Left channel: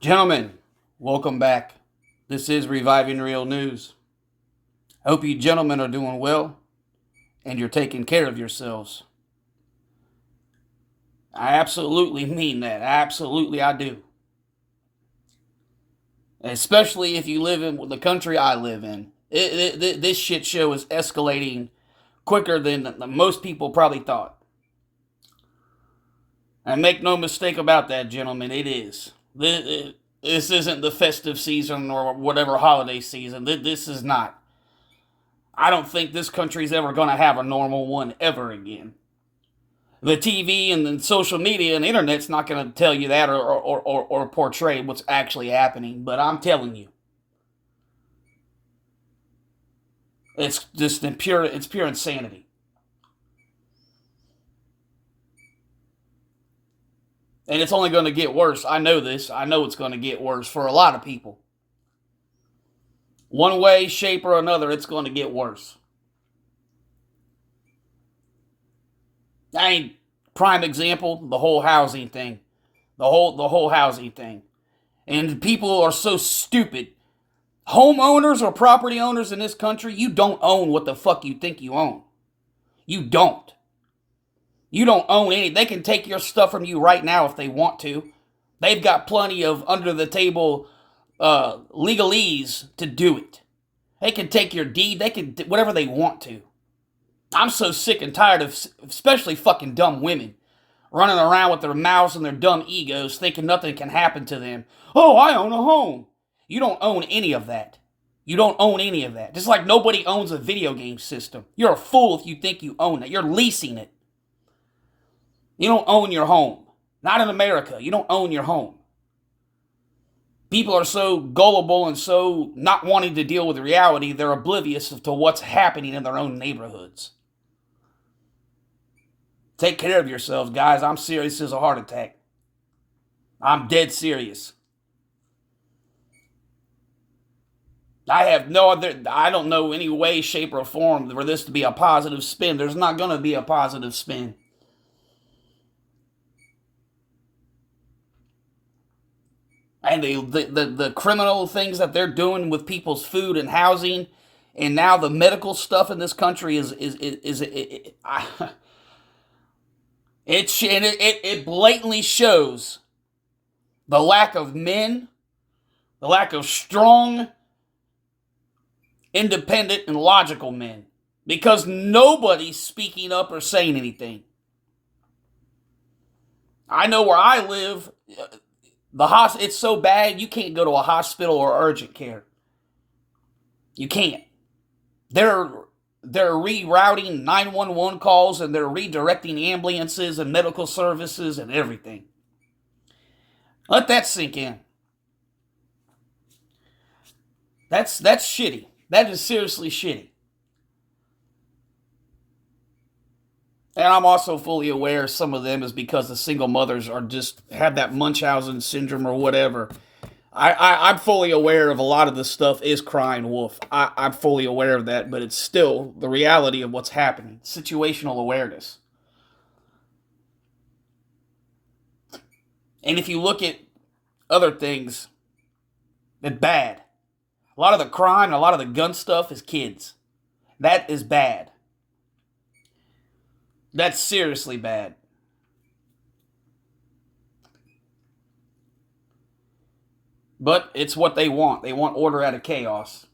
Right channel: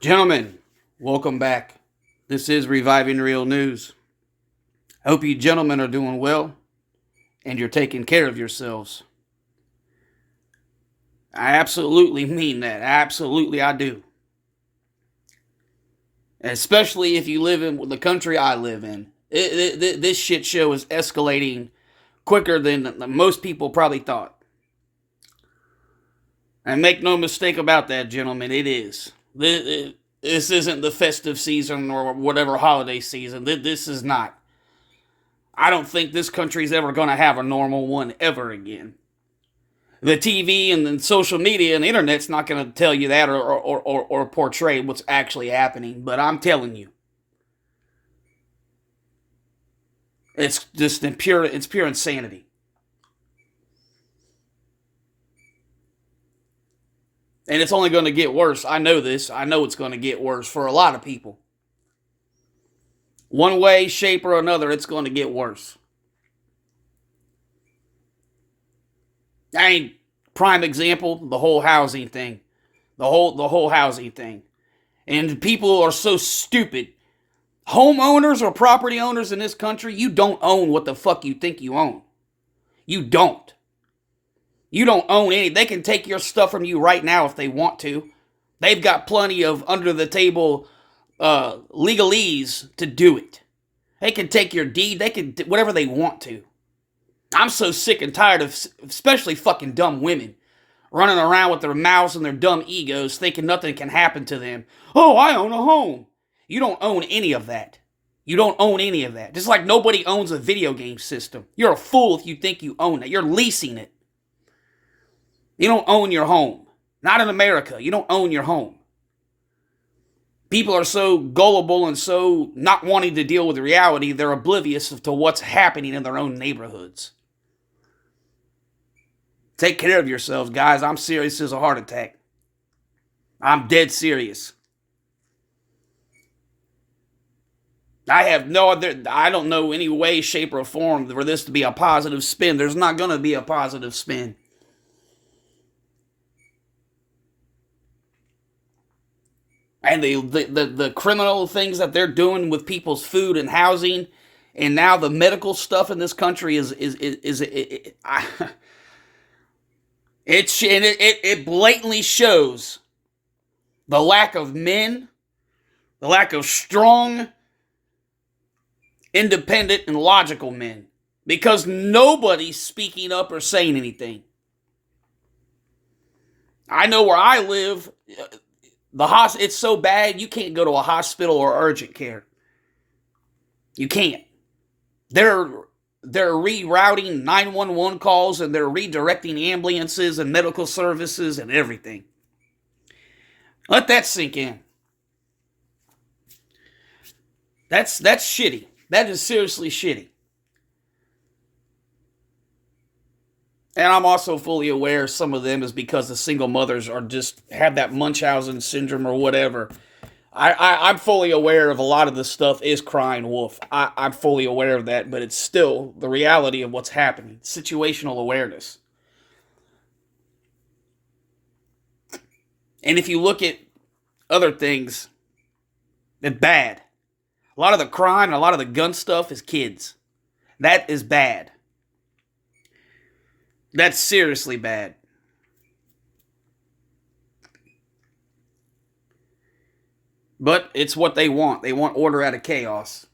Gentlemen, welcome back. This is Reviving Real News. I hope you gentlemen are doing well and you're taking care of yourselves. I absolutely mean that. Absolutely, I do. Especially if you live in the country I live in. This shit show is escalating quicker than most people probably thought. And make no mistake about that, gentlemen, it is. This isn't the festive season or whatever holiday season. This is not. I don't think this country's ever going to have a normal one ever again. The TV and the social media and the internet's not going to tell you that or portray what's actually happening, but I'm telling you. It's just pure insanity. And it's only going to get worse. I know this. I know it's going to get worse for a lot of people. One way, shape, or another, it's going to get worse. Prime example, the whole housing thing. The whole housing thing. And people are so stupid. Homeowners or property owners in this country, you don't own what the fuck you think you own. You don't. You don't own any. They can take your stuff from you right now if they want to. They've got plenty of under the table legalese to do it. They can take your deed. They can do whatever they want to. I'm so sick and tired of especially fucking dumb women running around with their mouths and their dumb egos thinking nothing can happen to them. Oh, I own a home. You don't own any of that. You don't own any of that. Just like nobody owns a video game system. You're a fool if you think you own it. You're leasing it. You don't own your home. Not in America. You don't own your home. People are so gullible and so not wanting to deal with reality, they're oblivious to what's happening in their own neighborhoods. Take care of yourselves, guys. I'm serious as a heart attack. I'm dead serious. I don't know any way, shape, or form for this to be a positive spin. There's not going to be a positive spin. And the criminal things that they're doing with people's food and housing, and now the medical stuff in this country it blatantly shows the lack of men, the lack of strong, independent, and logical men, because nobody's speaking up or saying anything. I know where I live. It's so bad you can't go to a hospital or urgent care. You can't. They're rerouting 911 calls and they're redirecting ambulances and medical services and everything. Let that sink in. That's shitty. That is seriously shitty. And I'm also fully aware some of them is because the single mothers are just have that Munchausen syndrome or whatever. I'm fully aware of a lot of this stuff is crying wolf. I'm fully aware of that, but it's still the reality of what's happening. Situational awareness. And if you look at other things, it's bad. A lot of the crime and a lot of the gun stuff is kids. That is bad. That's seriously bad. But it's what they want. They want order out of chaos.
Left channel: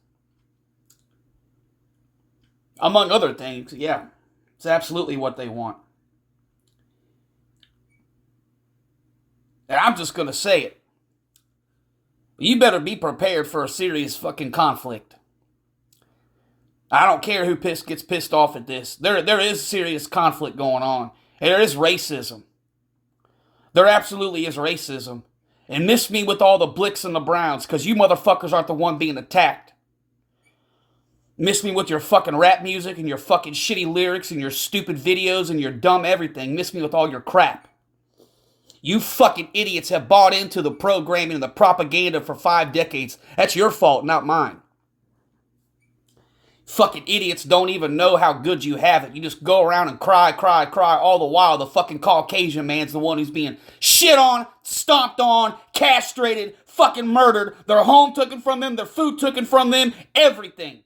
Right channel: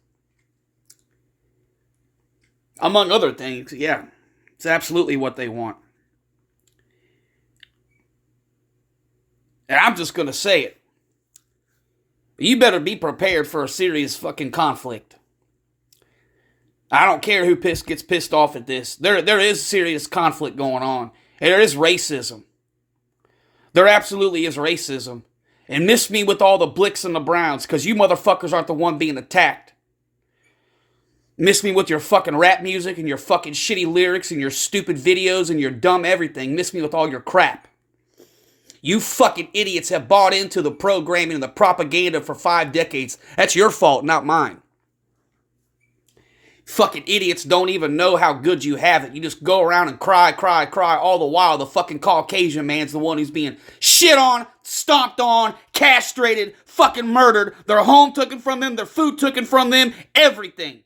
Among other things, yeah. It's absolutely what they want. And I'm just going to say it. You better be prepared for a serious fucking conflict. I don't care who gets pissed off at this. There is serious conflict going on. And there is racism. There absolutely is racism. And miss me with all the Blicks and the Browns, because you motherfuckers aren't the one being attacked. Miss me with your fucking rap music and your fucking shitty lyrics and your stupid videos and your dumb everything. Miss me with all your crap. You fucking idiots have bought into the programming and the propaganda for 5 decades. That's your fault, not mine. Fucking idiots don't even know how good you have it. You just go around and cry, cry, cry, all the while the fucking Caucasian man's the one who's being shit on, stomped on, castrated, fucking murdered, their home taken from them, their food taken from them, everything.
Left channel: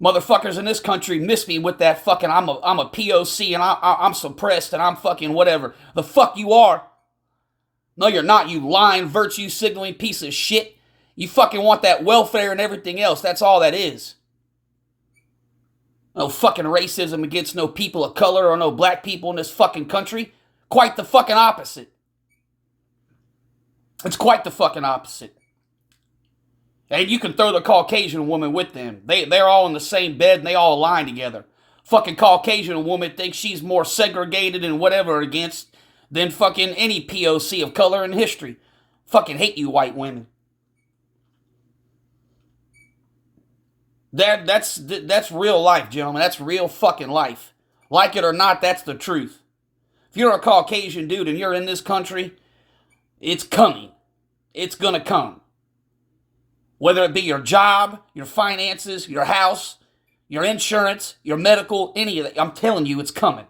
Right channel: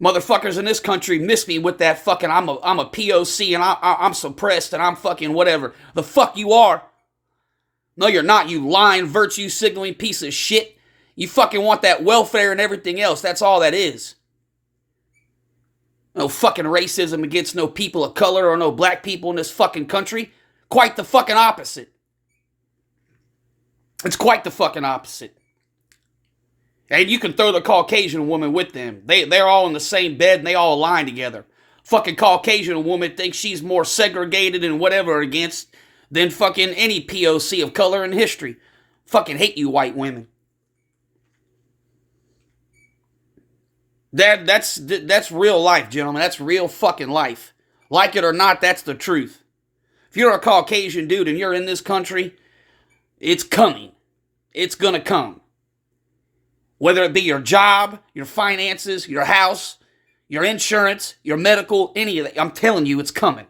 Motherfuckers in this country miss me with that fucking I'm a POC and I'm suppressed and I'm fucking whatever. The fuck you are. No, you're not, you lying, virtue signaling piece of shit. You fucking want that welfare and everything else. That's all that is. No fucking racism against no people of color or no black people in this fucking country. Quite the fucking opposite. It's quite the fucking opposite. And you can throw the Caucasian woman with them. They're all in the same bed and they all align together. Fucking Caucasian woman thinks she's more segregated and whatever against than fucking any POC of color in history. Fucking hate you white women. That's real life, gentlemen. That's real fucking life. Like it or not, that's the truth. If you're a Caucasian dude and you're in this country, it's coming. It's gonna come. Whether it be your job, your finances, your house, your insurance, your medical, any of that, I'm telling you, it's coming.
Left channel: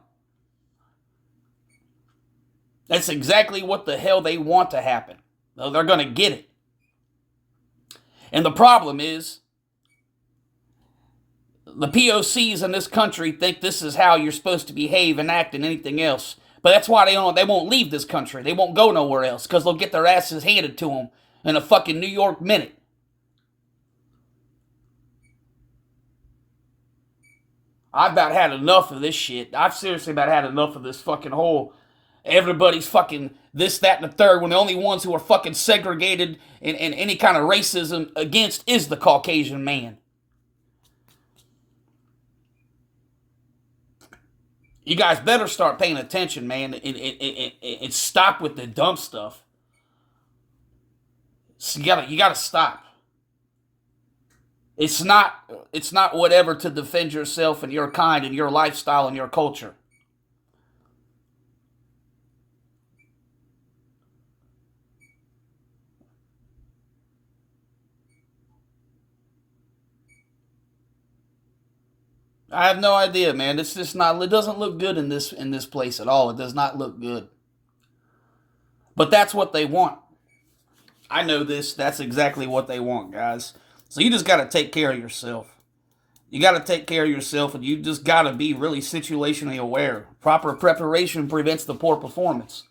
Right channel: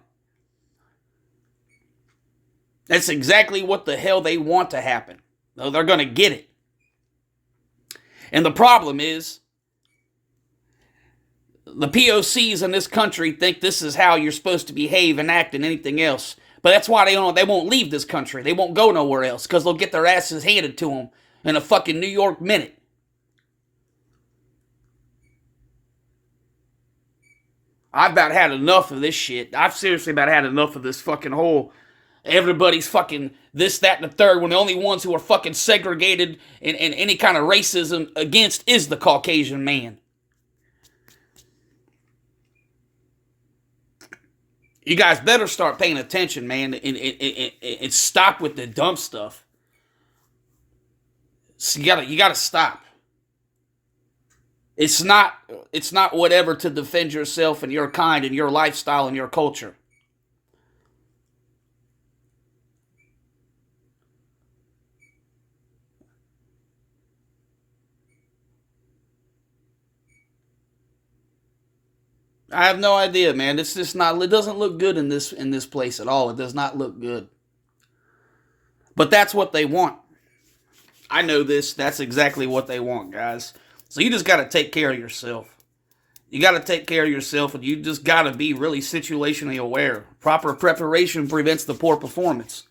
That's exactly what the hell they want to happen. They're gonna get it. And the problem is, the POCs in this country think this is how you're supposed to behave and act and anything else. But that's why they won't leave this country. They won't go nowhere else because they'll get their asses handed to them in a fucking New York minute. I've about had enough of this shit. I've seriously about had enough of this fucking whole everybody's fucking this, that, and the third when the only ones who are fucking segregated and any kind of racism against is the Caucasian man. You guys better start paying attention, man, and stop with the dumb stuff. So you gotta stop. It's not whatever to defend yourself and your kind and your lifestyle and your culture. I have no idea, man. It's just not. It doesn't look good in this place at all. It does not look good. But that's what they want. I know this. That's exactly what they want, guys. So you just got to take care of yourself. You got to take care of yourself, and you just got to be really situationally aware. Proper preparation prevents the poor performance.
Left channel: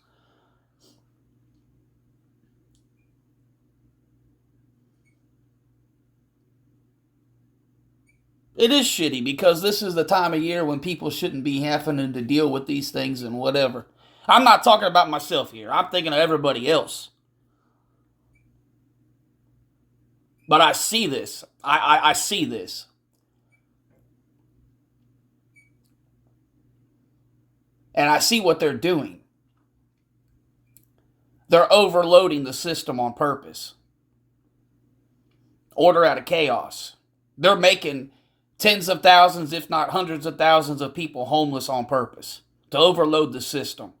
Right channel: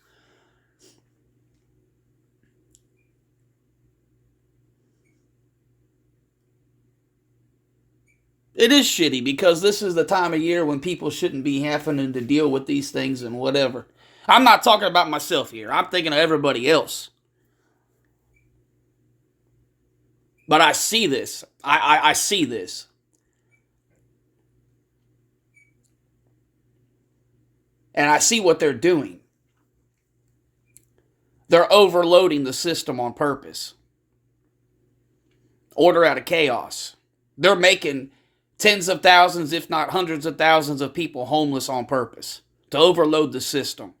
It is shitty because this is the time of year when people shouldn't be having to deal with these things and whatever. I'm not talking about myself here. I'm thinking of everybody else. But I see this. I see this. And I see what they're doing. They're overloading the system on purpose. Order out of chaos. They're making tens of thousands, if not hundreds of thousands of people homeless on purpose. To overload the system.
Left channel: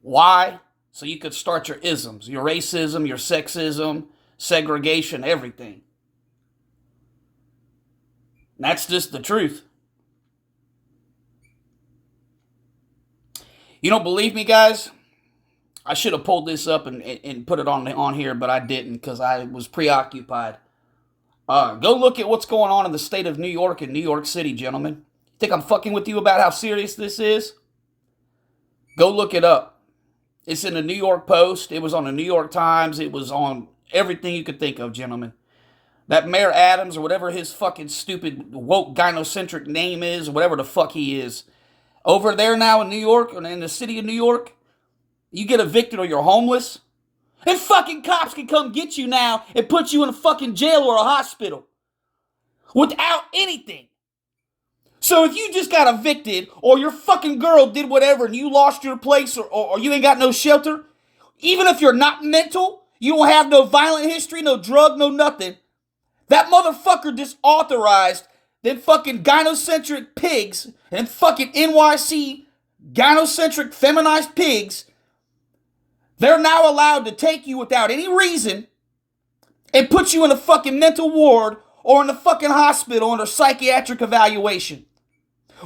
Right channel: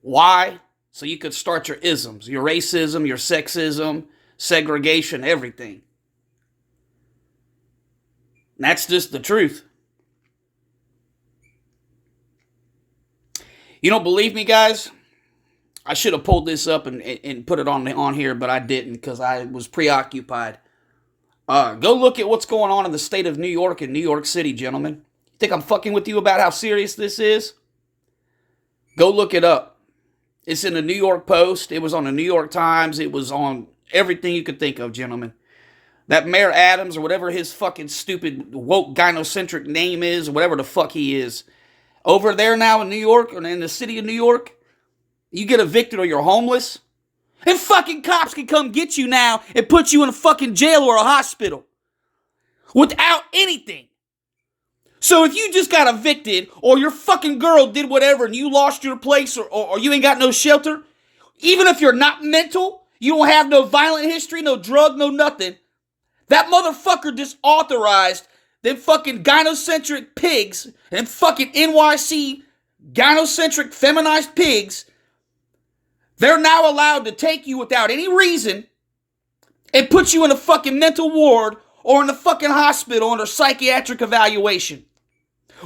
Why? So you could start your isms. Your racism, your sexism, segregation, everything. And that's just the truth. You don't believe me, guys? I should have pulled this up and put it on here, but I didn't because I was preoccupied. Go look at what's going on in the state of New York and New York City, gentlemen. You think I'm fucking with you about how serious this is? Go look it up. It's in the New York Post. It was on the New York Times. It was on everything you could think of, gentlemen. That Mayor Adams, or whatever his fucking stupid woke gynocentric name is, or whatever the fuck he is, over there now in New York, or in the city of New York, you get evicted or you're homeless, and fucking cops can come get you now and put you in a fucking jail or a hospital. Without anything. So if you just got evicted, or your fucking girl did whatever and you lost your place, or you ain't got no shelter, even if you're not mental, you don't have no violent history, no drug, no nothing, that motherfucker just authorized them fucking gynocentric pigs and fucking NYC gynocentric feminized pigs. They're now allowed to take you without any reason and put you in a fucking mental ward or in the fucking hospital under psychiatric evaluation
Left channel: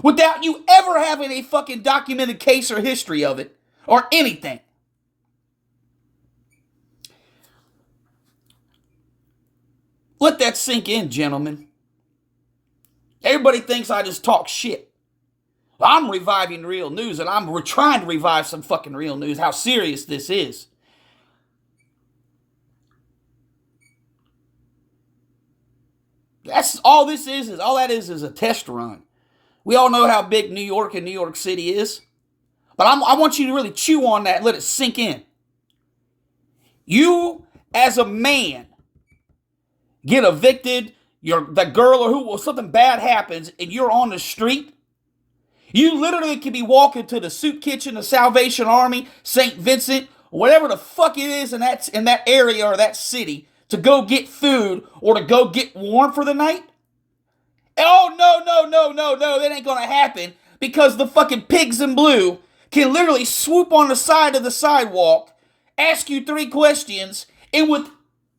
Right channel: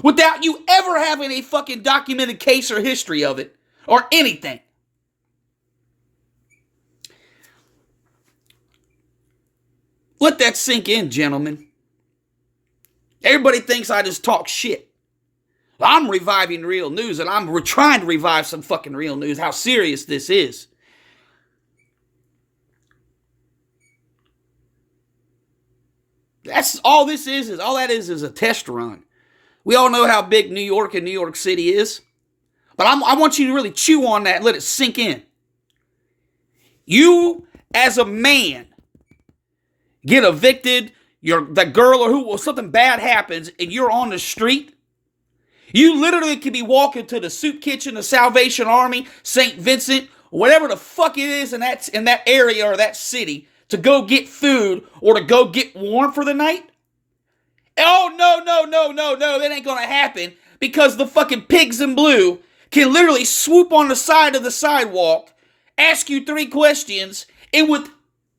without you ever having a fucking documented case or history of it or anything. Let that sink in, gentlemen. Everybody thinks I just talk shit. I'm reviving real news, and I'm trying to revive some fucking real news, how serious this is. That's all this is all that is a test run. We all know how big New York and New York City is. But I want you to really chew on that and let it sink in. You, as a man, get evicted, that girl or something bad happens, and you're on the street. You literally could be walking to the soup kitchen, the Salvation Army, St. Vincent, whatever the fuck it is in that area or that city, to go get food or to go get warm for the night. Oh, no, that ain't gonna happen, because the fucking pigs in blue can literally swoop on the side of the sidewalk, ask you 3 questions, and with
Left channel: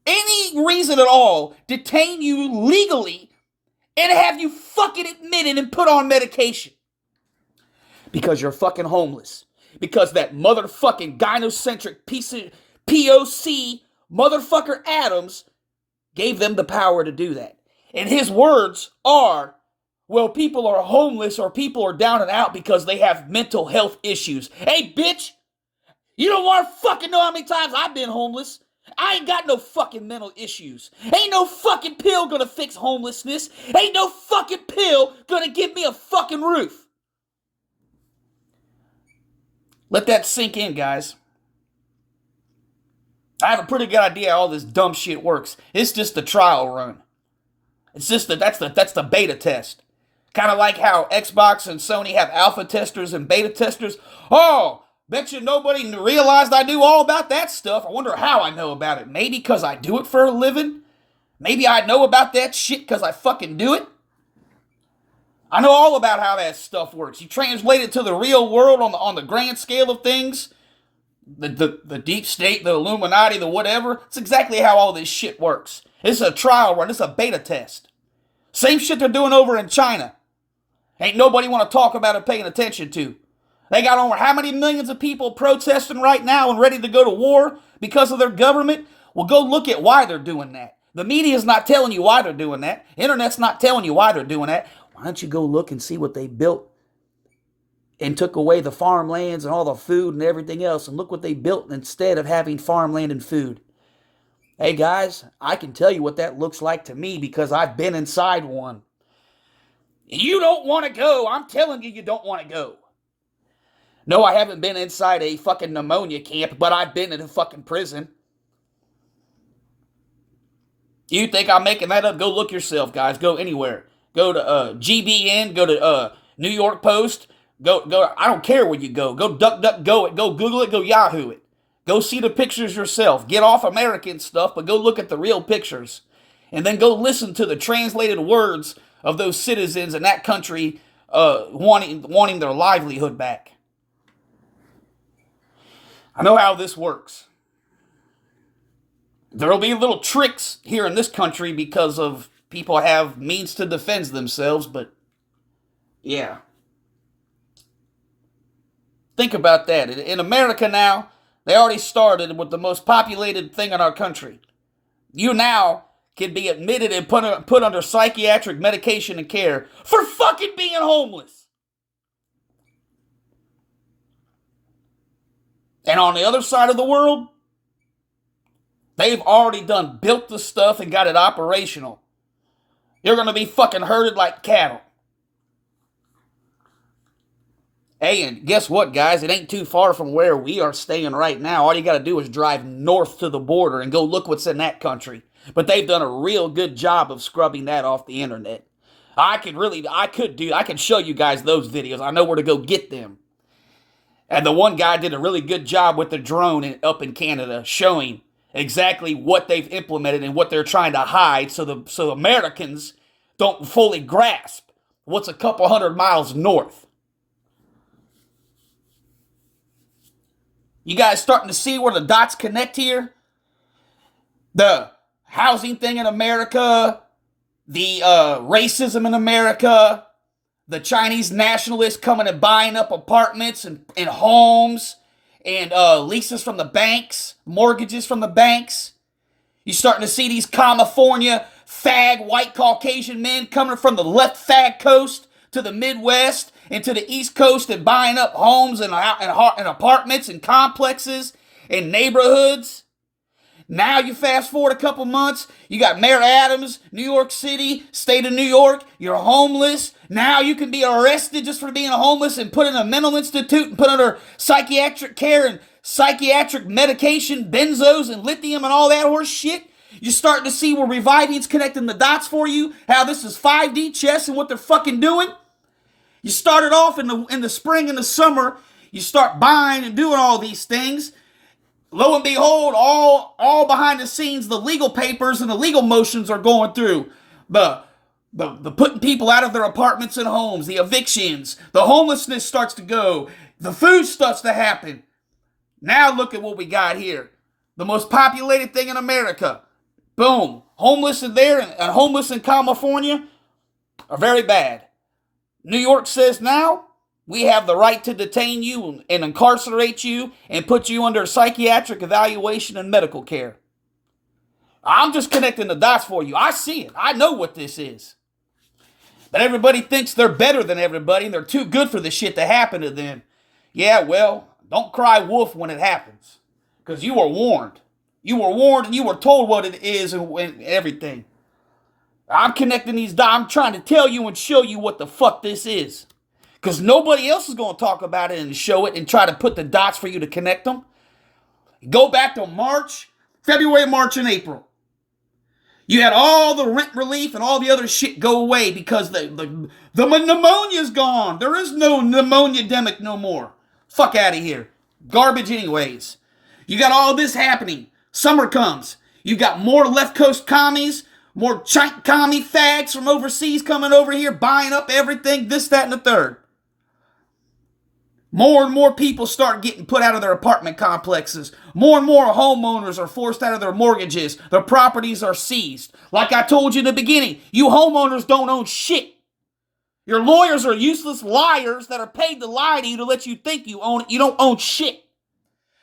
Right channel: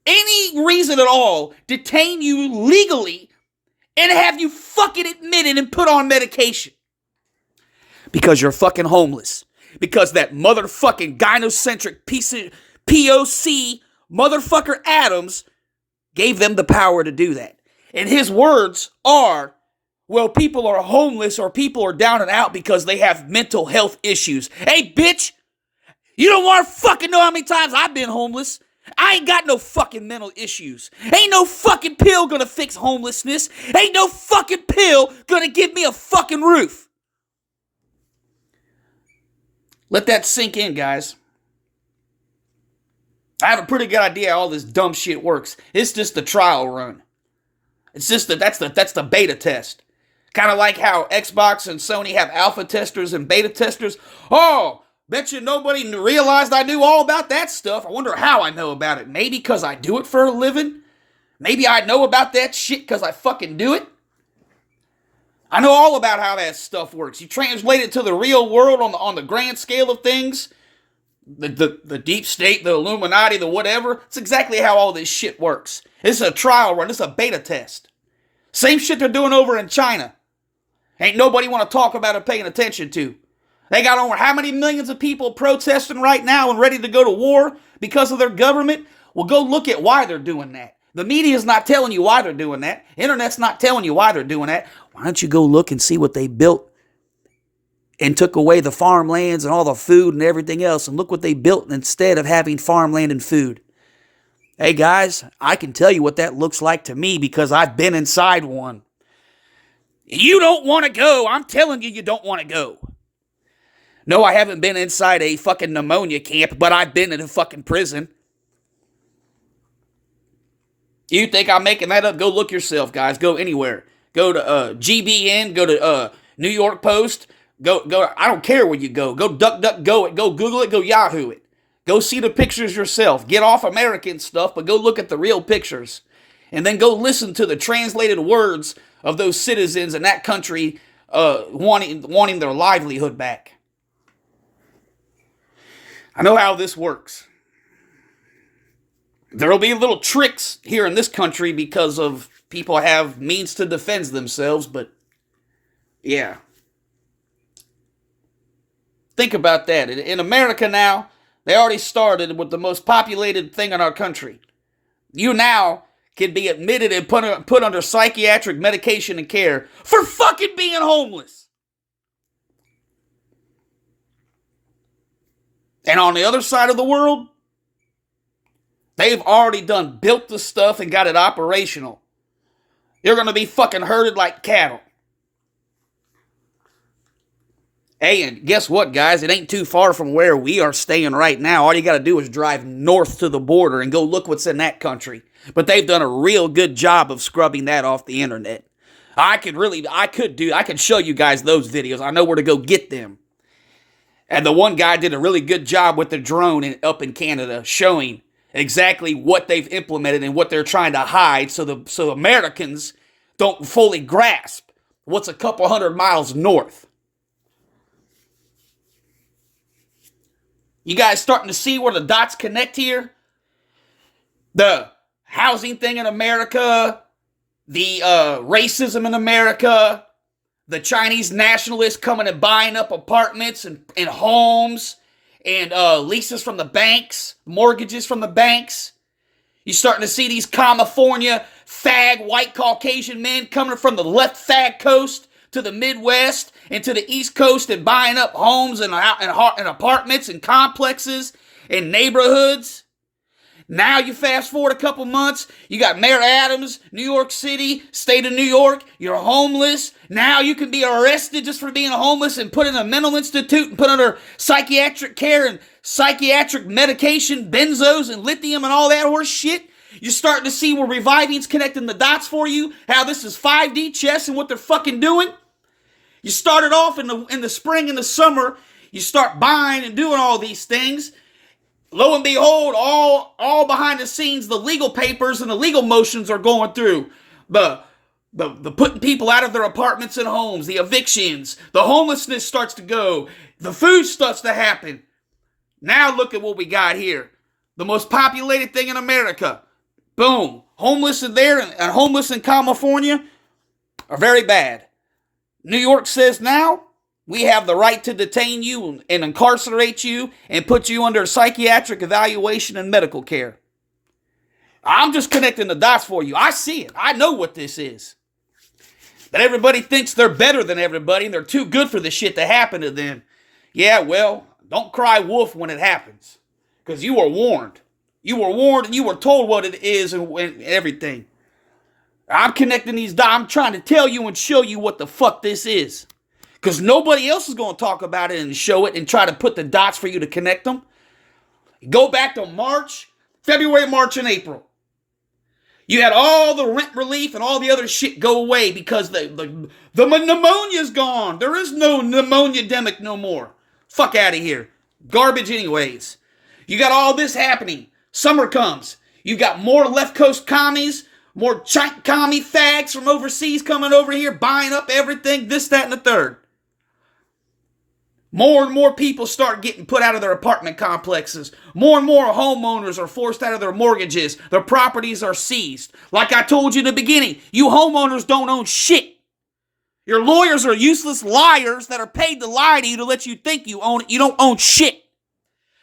any reason at all, detain you legally and have you fucking admitted and put on medication. Because you're fucking homeless. Because that motherfucking gynocentric piece of POC motherfucker Adams gave them the power to do that. And his words are, well, people are homeless or people are down and out because they have mental health issues. Hey, bitch, you don't want to fucking know how many times I've been homeless. I ain't got no fucking mental issues. Ain't no fucking pill gonna fix homelessness. Ain't no fucking pill gonna give me a fucking roof. Let that sink in, guys. I have a pretty good idea how all this dumb shit works. It's just the trial run. It's just that's the beta test. Kind of like how Xbox and Sony have alpha testers and beta testers. Oh, bet you nobody realized I knew all about that stuff. I wonder how I know about it. Maybe because I do it for a living? Maybe I know about that shit because I fucking do it? I know all about how that stuff works. You translate it to the real world on the grand scale of things. The deep state, the Illuminati, the whatever. It's exactly how all this shit works. It's a trial run. It's a beta test. Same shit they're doing over in China. Ain't nobody want to talk about or paying attention to. They got over how many millions of people protesting right now and ready to go to war because of their government? Well, go look at why they're doing that. The media's not telling you why they're doing that. Internet's not telling you why they're doing that. Why don't you go look and see what they built and took away the farmlands and all the food and everything else, and look what they built instead of having farmland and food. Hey guys, I can tell you what that looks like to me because I've been inside one. You don't want to go. I'm telling you, you don't want to go. No, I haven't been inside a fucking pneumonia camp, but I've been in a fucking prison. You think I'm making that up? Go look yourself, guys. Go anywhere. Go to GBN. Go to New York Post. Go. I don't care where you go. Go DuckDuckGo it. Go Google it. Go Yahoo it. Go see the pictures yourself. Get off American stuff, but go look at the real pictures. And then go listen to the translated words of those citizens in that country wanting their livelihood back. I know how this works. There'll be little tricks here in this country because of people have means to defend themselves, but yeah. Think about that. In America now, they already started with the most populated thing in our country. You now can be admitted and put under psychiatric medication and care for fucking being homeless. And on the other side of the world, they've already built the stuff and got it operational. You're going to be fucking herded like cattle. Hey, and guess what, guys? It ain't too far from where we are staying right now. All you got to do is drive north to the border and go look what's in that country. But they've done a real good job of scrubbing that off the internet. I can show you guys those videos. I know where to go get them. And the one guy did a really good job with the drone up in Canada, showing exactly what they've implemented and what they're trying to hide so Americans don't fully grasp what's a couple 100 miles north. You guys starting to see where the dots connect here? The housing thing in America, the racism in America, the Chinese nationalists coming and buying up apartments and homes and leases from the banks, mortgages from the banks. You're starting to see these California fag white Caucasian men coming from the left fag coast to the Midwest and to the East Coast and buying up homes and apartments and complexes and neighborhoods. Now you fast forward a couple months, you got Mayor Adams, New York City, state of New York, you're homeless. Now you can be arrested just for being homeless and put in a mental institute and put under psychiatric care and psychiatric medication, benzos and lithium and all that horse shit. You're starting to see where Reviving's connecting the dots for you, how this is 5D chess and what they're fucking doing. You started off in the spring and the summer, you start buying and doing all these things. Lo and behold, all behind the scenes, the legal papers and the legal motions are going through. The putting people out of their apartments and homes, the evictions, the homelessness starts to go, the food starts to happen. Now look at what we got here. The most populated thing in America. Boom. Homeless in there and homeless in California are very bad. New York says now, we have the right to detain you and incarcerate you and put you under psychiatric evaluation and medical care. I'm just connecting the dots for you. I see it. I know what this is. But everybody thinks they're better than everybody and they're too good for the shit to happen to them. Yeah, well, don't cry wolf when it happens. Because you were warned. You were warned and you were told what it is and everything. I'm connecting these dots. I'm trying to tell you and show you what the fuck this is. Because nobody else is going to talk about it and show it and try to put the dots for you to connect them. Go back to February, March, and April. You had all the rent relief and all the other shit go away because the pneumonia's gone. There is no pneumonia-demic no more. Fuck out of here. Garbage anyways. You got all this happening. Summer comes. You got more left coast commies, more commie fags from overseas coming over here, buying up everything, this, that, and the third. More and more people start getting put out of their apartment complexes. More and more homeowners are forced out of their mortgages. Their properties are seized. Like I told you in the beginning, you homeowners don't own shit. Your lawyers are useless liars that are paid to lie to you to let you think you own it. You don't own shit.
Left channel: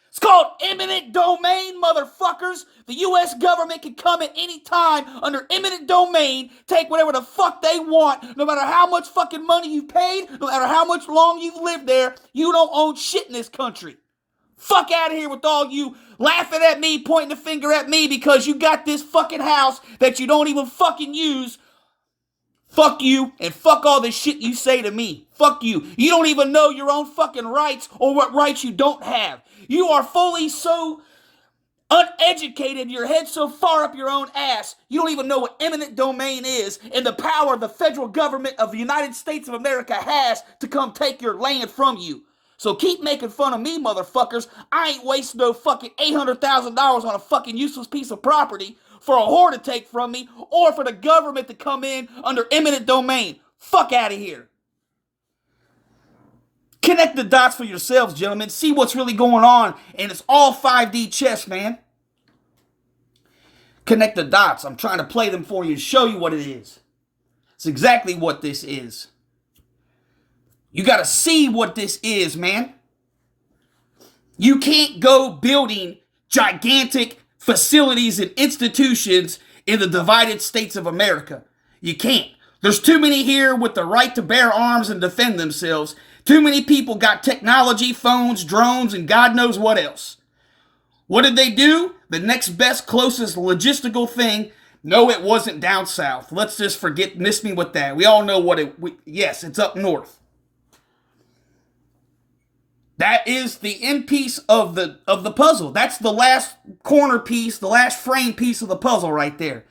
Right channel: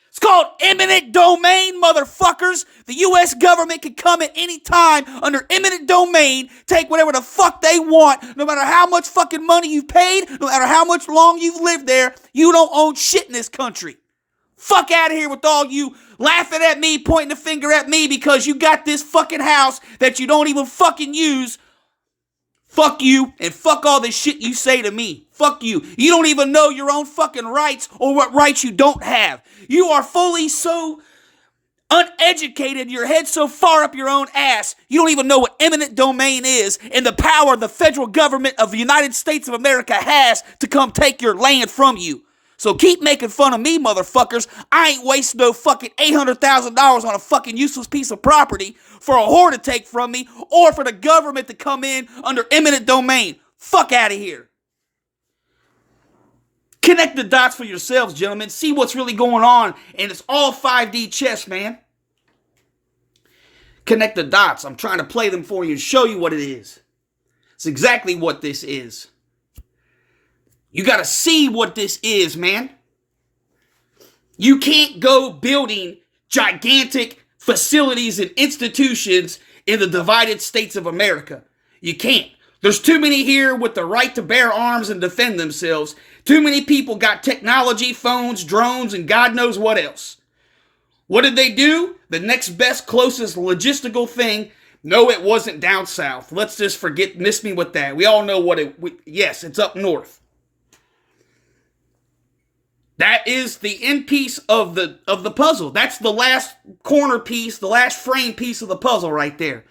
It's called eminent domain, motherfuckers. The U.S. government can come at any time under eminent domain, take whatever the fuck they want, no matter how much fucking money you've paid, no matter how much long you've lived there, you don't own shit in this country. Fuck out of here with all you laughing at me, pointing the finger at me because you got this fucking house that you don't even fucking use. Fuck you, and fuck all the shit you say to me. Fuck you. You don't even know your own fucking rights or what rights you don't have. You are fully so uneducated, your head so far up your own ass, you don't even know what eminent domain is and the power the federal government of the United States of America has to come take your land from you. So keep making fun of me, motherfuckers. I ain't wasting no fucking $800,000 on a fucking useless piece of property for a whore to take from me or for the government to come in under eminent domain. Fuck out of here. Connect the dots for yourselves, gentlemen. See what's really going on. And it's all 5D chess, man. Connect the dots. I'm trying to play them for you and show you what it is. It's exactly what this is. You got to see what this is, man. You can't go building gigantic facilities and institutions in the divided states of America. You can't. There's too many here with the right to bear arms and defend themselves. Too many people got technology, phones, drones, and God knows what else. What did they do? The next best, closest logistical thing. No, it wasn't down south. Let's just miss me with that. We all know yes, it's up north. That is the end piece of the puzzle. That's the last corner piece, the last frame piece of the puzzle right there.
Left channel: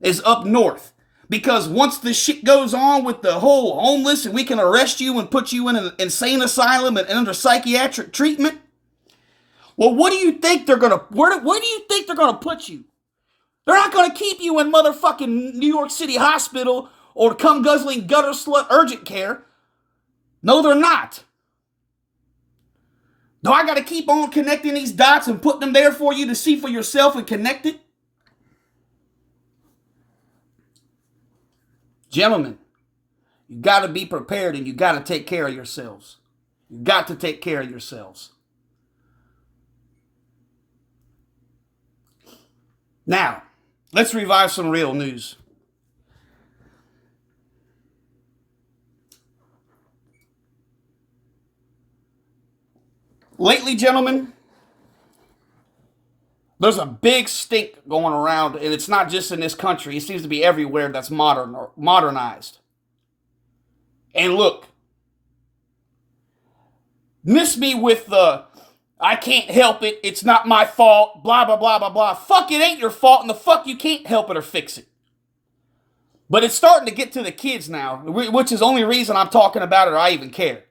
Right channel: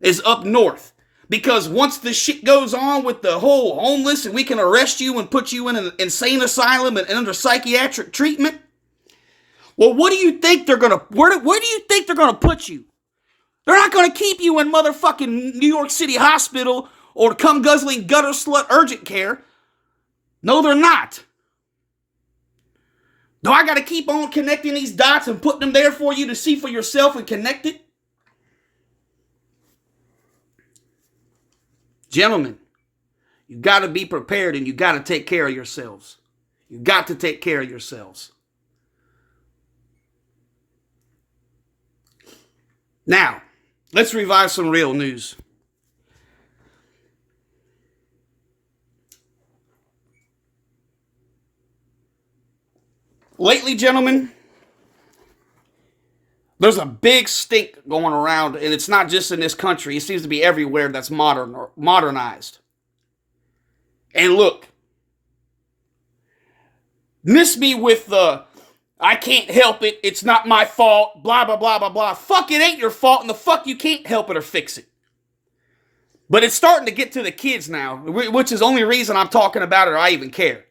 Is up north. Because once the shit goes on with the whole homeless and we can arrest you and put you in an insane asylum and under psychiatric treatment, well, what do you think they're gonna where do you think they're gonna put you? They're not gonna keep you in motherfucking New York City hospital or cum guzzling gutter slut urgent care. No, they're not. Do I got to keep on connecting these dots and putting them there for you to see for yourself and connect it? Gentlemen, you got to be prepared and you got to take care of yourselves. You got to take care of yourselves. Now, let's revive some real news. Lately, gentlemen, there's a big stink going around, and it's not just in this country. It seems to be everywhere that's modern or modernized. And look, miss me with the I can't help it, it's not my fault, blah, blah, blah, blah, blah. Fuck, it ain't your fault, and the fuck you can't help it or fix it. But it's starting to get to the kids now, which is the only reason I'm talking about it or I even care.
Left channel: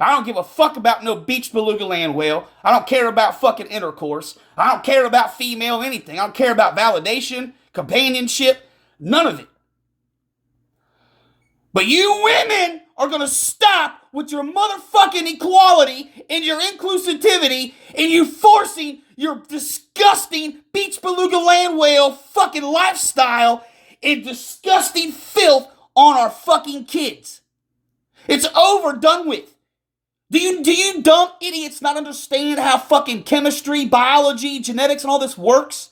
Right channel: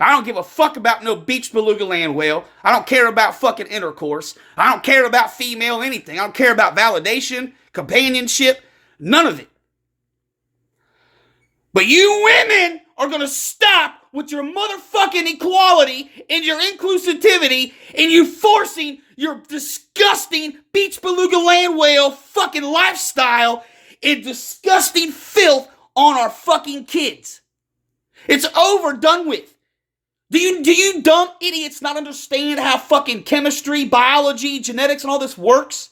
I don't give a fuck about no beach beluga land whale. I don't care about fucking intercourse. I don't care about female anything. I don't care about validation, companionship, none of it. But you women are going to stop with your motherfucking equality and your inclusivity and you forcing your disgusting beach beluga land whale fucking lifestyle and disgusting filth on our fucking kids. It's over, done with. Do you dumb idiots not understand how fucking chemistry, biology, genetics, and all this works?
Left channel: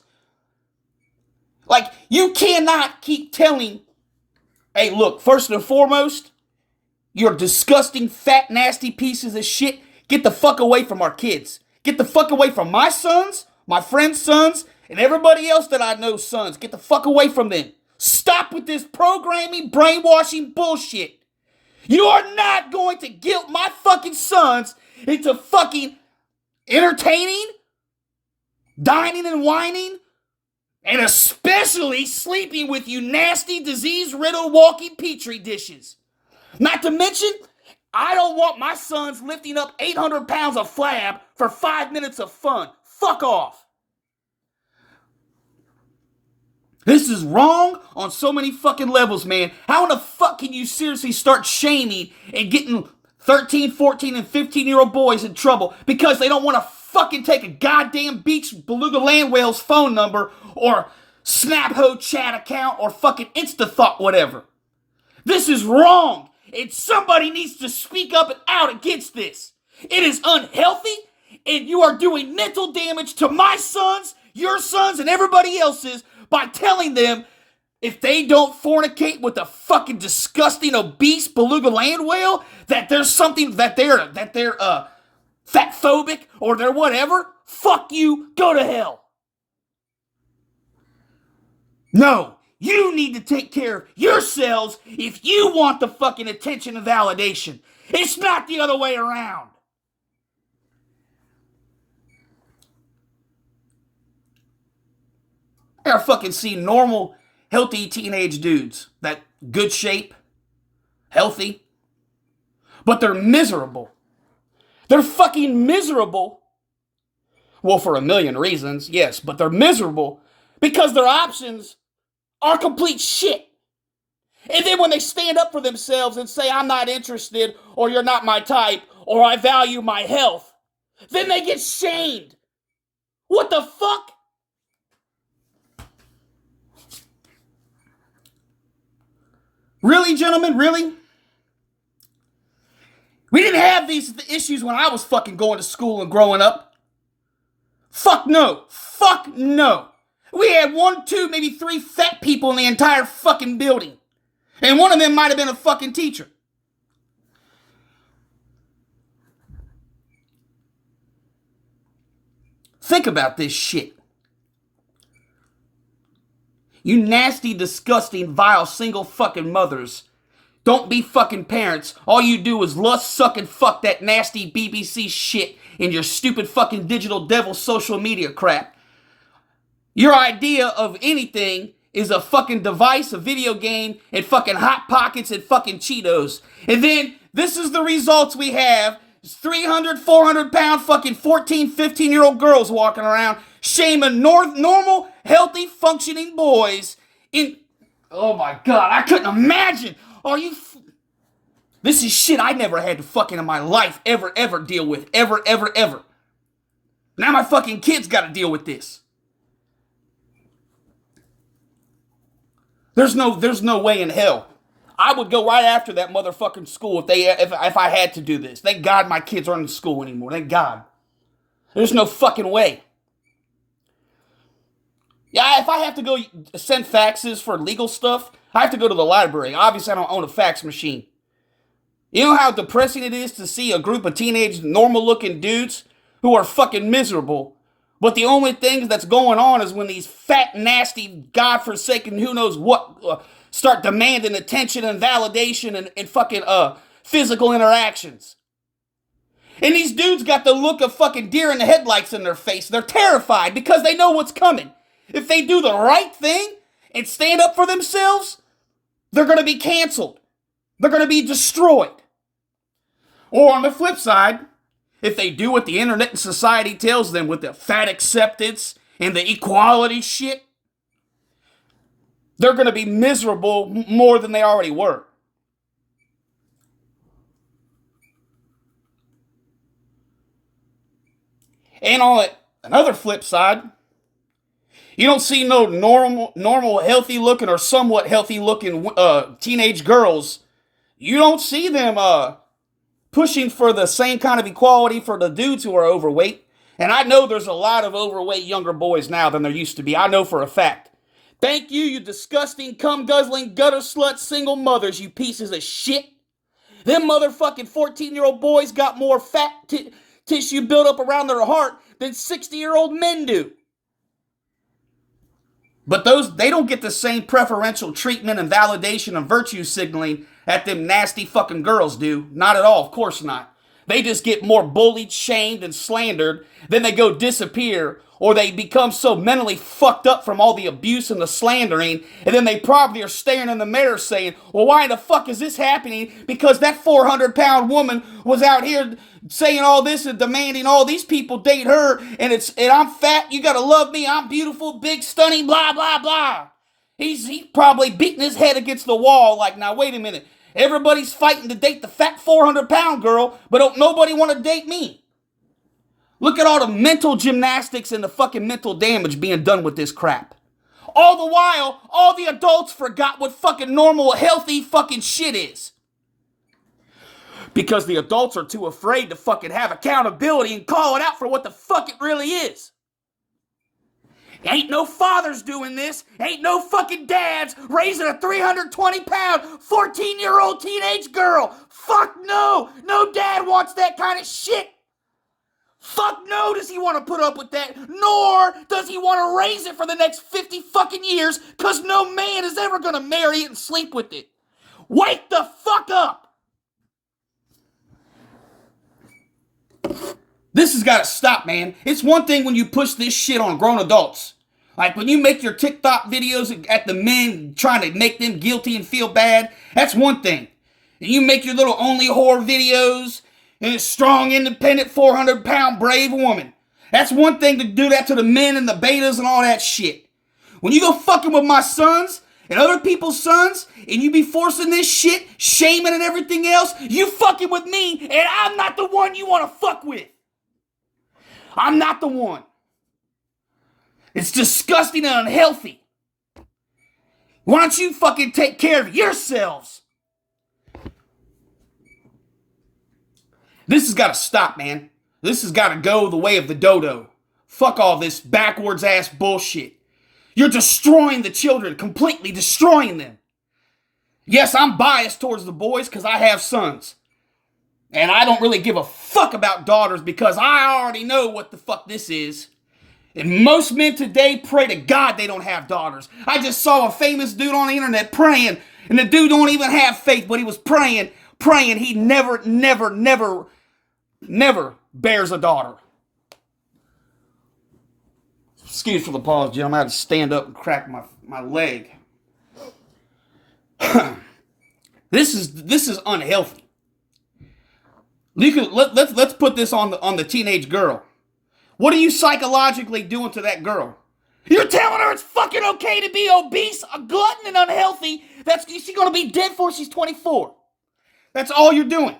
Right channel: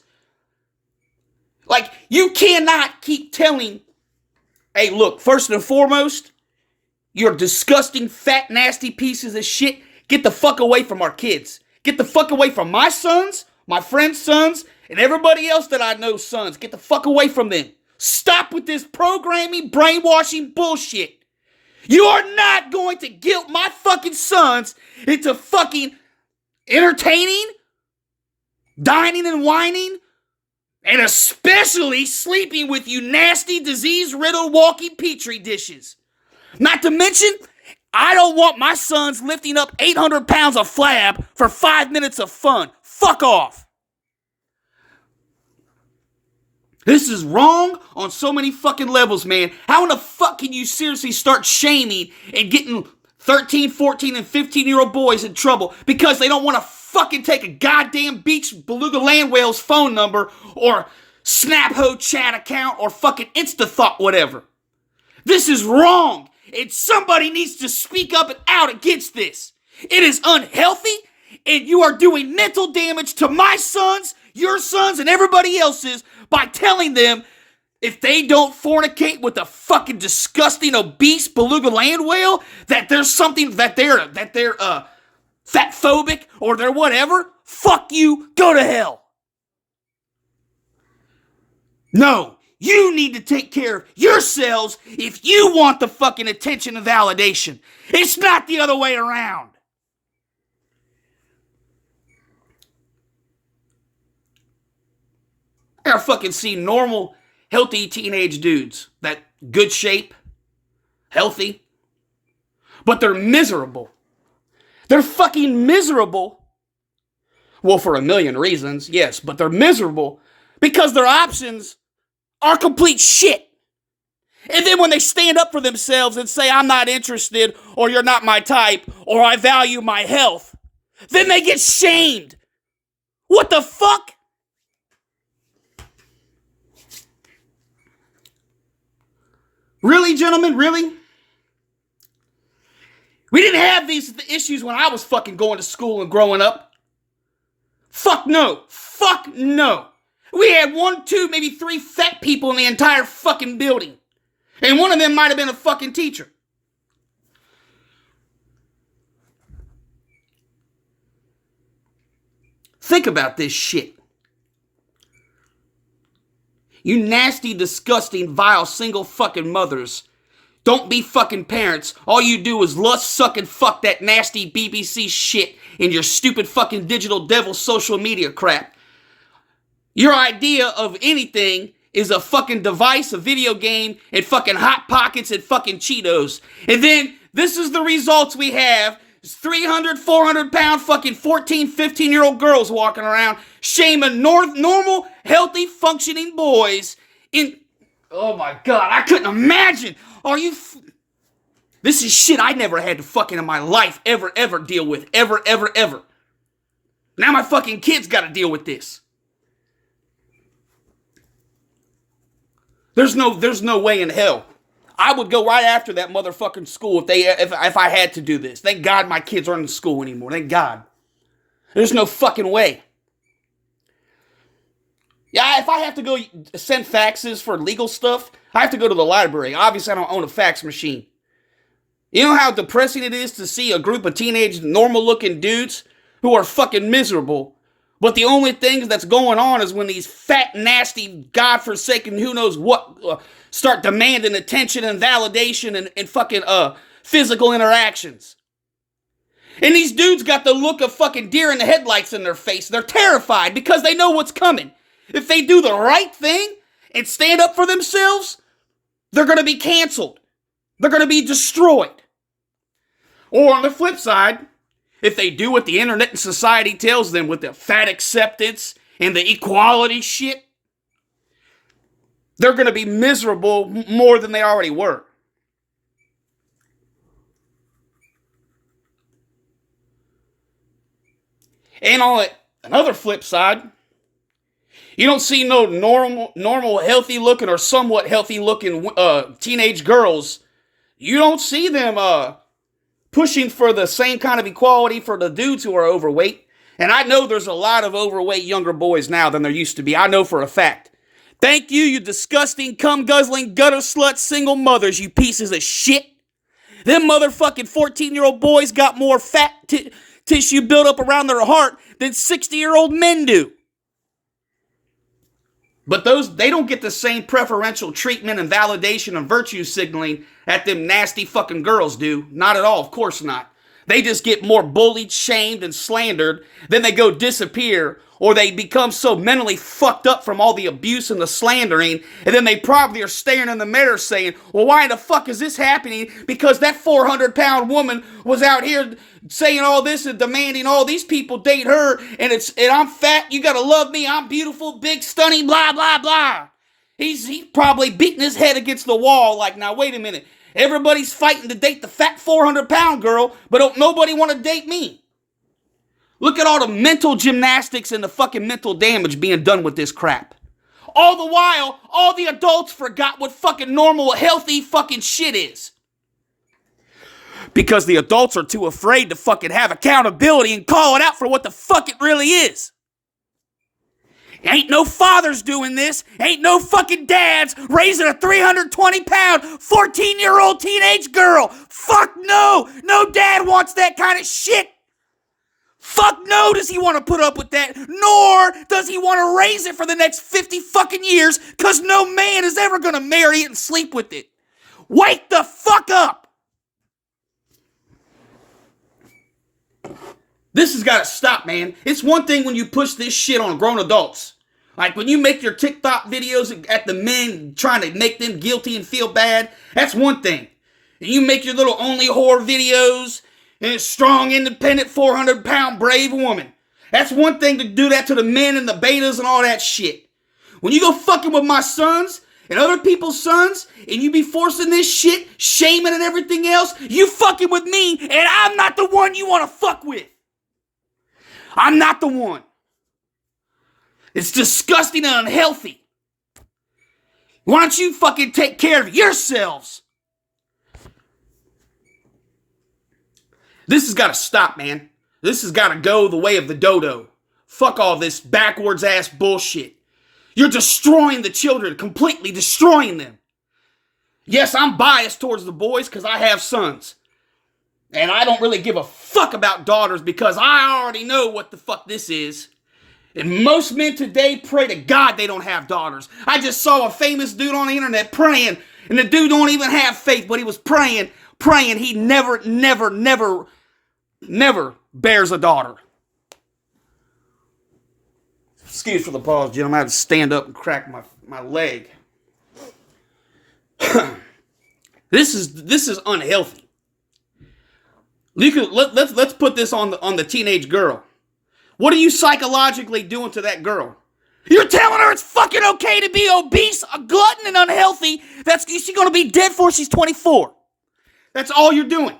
Like, you cannot keep telling, hey, look, first and foremost, you're disgusting, fat, nasty pieces of shit. Get the fuck away from our kids. Get the fuck away from my sons, my friends' sons, and everybody else that I know's sons. Get the fuck away from them. Stop with this programming, brainwashing bullshit. You are not going to guilt my fucking sons into fucking entertaining, dining and whining, and especially sleeping with you nasty, disease-riddled walking petri dishes. Not to mention, I don't want my sons lifting up 800 pounds of flab for 5 minutes of fun. Fuck off. This is wrong on so many fucking levels, man. How in the fuck can you seriously start shaming and getting 13, 14, and 15-year-old boys in trouble because they don't want to fucking take a goddamn beach beluga land whale's phone number or Snapho chat account or fucking InstaThought whatever? This is wrong, and somebody needs to speak up and out against this. It is unhealthy, and you are doing mental damage to my sons, your sons, and everybody else's by telling them if they don't fornicate with a fucking disgusting obese beluga land whale that there's something that they're fat phobic or they're whatever. Fuck you, go to hell. No, you need to take care of yourselves if you want the fucking attention and validation. It's not the other way around. I fucking see normal, healthy teenage dudes that good shape, healthy, but they're miserable. They're fucking miserable. Well, for a million reasons, yes, but they're miserable because their options are complete shit. And then when they stand up for themselves and say, I'm not interested, or you're not my type, or I value my health, then they get shamed. What the fuck? Really, gentlemen? Really? We didn't have these issues when I was fucking going to school and growing up. Fuck no. Fuck no. We had 1, 2, maybe 3 fat people in the entire fucking building. And one of them might have been a fucking teacher. Think about this shit. You nasty, disgusting, vile, single fucking mothers. Don't be fucking parents. All you do is lust, suck, and fuck that nasty BBC shit in your stupid fucking digital devil social media crap. Your idea of anything is a fucking device, a video game, and fucking Hot Pockets and fucking Cheetos. And then this is the results we have. 300, 400 pound fucking 14, 15-year-old girls walking around shaming normal, healthy, functioning boys in... Oh my God, I couldn't imagine. Are you... This is shit I never had to fucking in my life ever deal with. Ever. Now my fucking kids gotta deal with this. There's no way in hell. I would go right after that motherfucking school if I had to do this. Thank God my kids aren't in school anymore. Thank God. There's no fucking way. Yeah, if I have to go send faxes for legal stuff, I have to go to the library. Obviously, I don't own a fax machine. You know how depressing it is to see a group of teenage, normal-looking dudes who are fucking miserable, but the only thing that's going on is when these fat, nasty, godforsaken, who knows what, start demanding attention and validation and fucking physical interactions. And these dudes got the look of fucking deer in the headlights in their face. They're terrified because they know what's coming. If they do the right thing and stand up for themselves, they're going to be canceled. They're going to be destroyed. Or on the flip side, if they do what the internet and society tells them with the fat acceptance and the equality shit, they're going to be miserable more than they already were. And on another flip side, you don't see no normal, healthy looking or somewhat healthy looking teenage girls. You don't see them pushing for the same kind of equality for the dudes who are overweight. And I know there's a lot of overweight younger boys now than there used to be. I know for a fact. Thank you, you disgusting, cum-guzzling, gutter slut single mothers, you pieces of shit. Them motherfucking 14-year-old boys got more fat tissue built up around their heart than 60-year-old men do. But they don't get the same preferential treatment and validation and virtue signaling that them nasty fucking girls do. Not at all, of course not. They just get more bullied, shamed, and slandered. Then they go disappear, or they become so mentally fucked up from all the abuse and the slandering, and then they probably are staring in the mirror saying, well, why the fuck is this happening? Because that 400-pound woman was out here saying all this and demanding all these people date her, and I'm fat, you gotta love me, I'm beautiful, big, stunning, blah, blah, blah. He's probably beating his head against the wall like, now wait a minute. Everybody's fighting to date the fat 400-pound girl, but don't nobody want to date me. Look at all the mental gymnastics and the fucking mental damage being done with this crap. All the while, all the adults forgot what fucking normal, healthy fucking shit is. Because the adults are too afraid to fucking have accountability and call it out for what the fuck it really is. Ain't no fathers doing this. Ain't no fucking dads raising a 320-pound, 14-year-old teenage girl. Fuck no. No dad wants that kind of shit. Fuck no does he want to put up with that. Nor does he want to raise it for the next 50 fucking years, because no man is ever going to marry it and sleep with it. Wake the fuck up. This has got to stop, man. It's one thing when you push this shit on grown adults. Like when you make your TikTok videos at the men trying to make them guilty and feel bad, that's one thing. And you make your little only whore videos and a strong, independent, 400-pound brave woman. That's one thing to do that to the men and the betas and all that shit. When you go fucking with my sons and other people's sons and you be forcing this shit, shaming and everything else, you fucking with me and I'm not the one you want to fuck with. I'm not the one. It's disgusting and unhealthy. Why don't you fucking take care of yourselves? This has got to stop, man. This has got to go the way of the dodo. Fuck all this backwards ass bullshit. You're destroying the children, completely destroying them. Yes, I'm biased towards the boys because I have sons. And I don't really give a fuck about daughters because I already know what the fuck this is. And most men today pray to God they don't have daughters. I just saw a famous dude on the internet praying, and the dude don't even have faith, but he was praying he never bears a daughter. Excuse for the pause, gentlemen. I had to stand up and crack my leg. This is unhealthy. Let's put this on the teenage girl. What are you psychologically doing to that girl? You're telling her it's fucking okay to be obese, a glutton, and unhealthy. She's going to be dead before she's 24. That's all you're doing.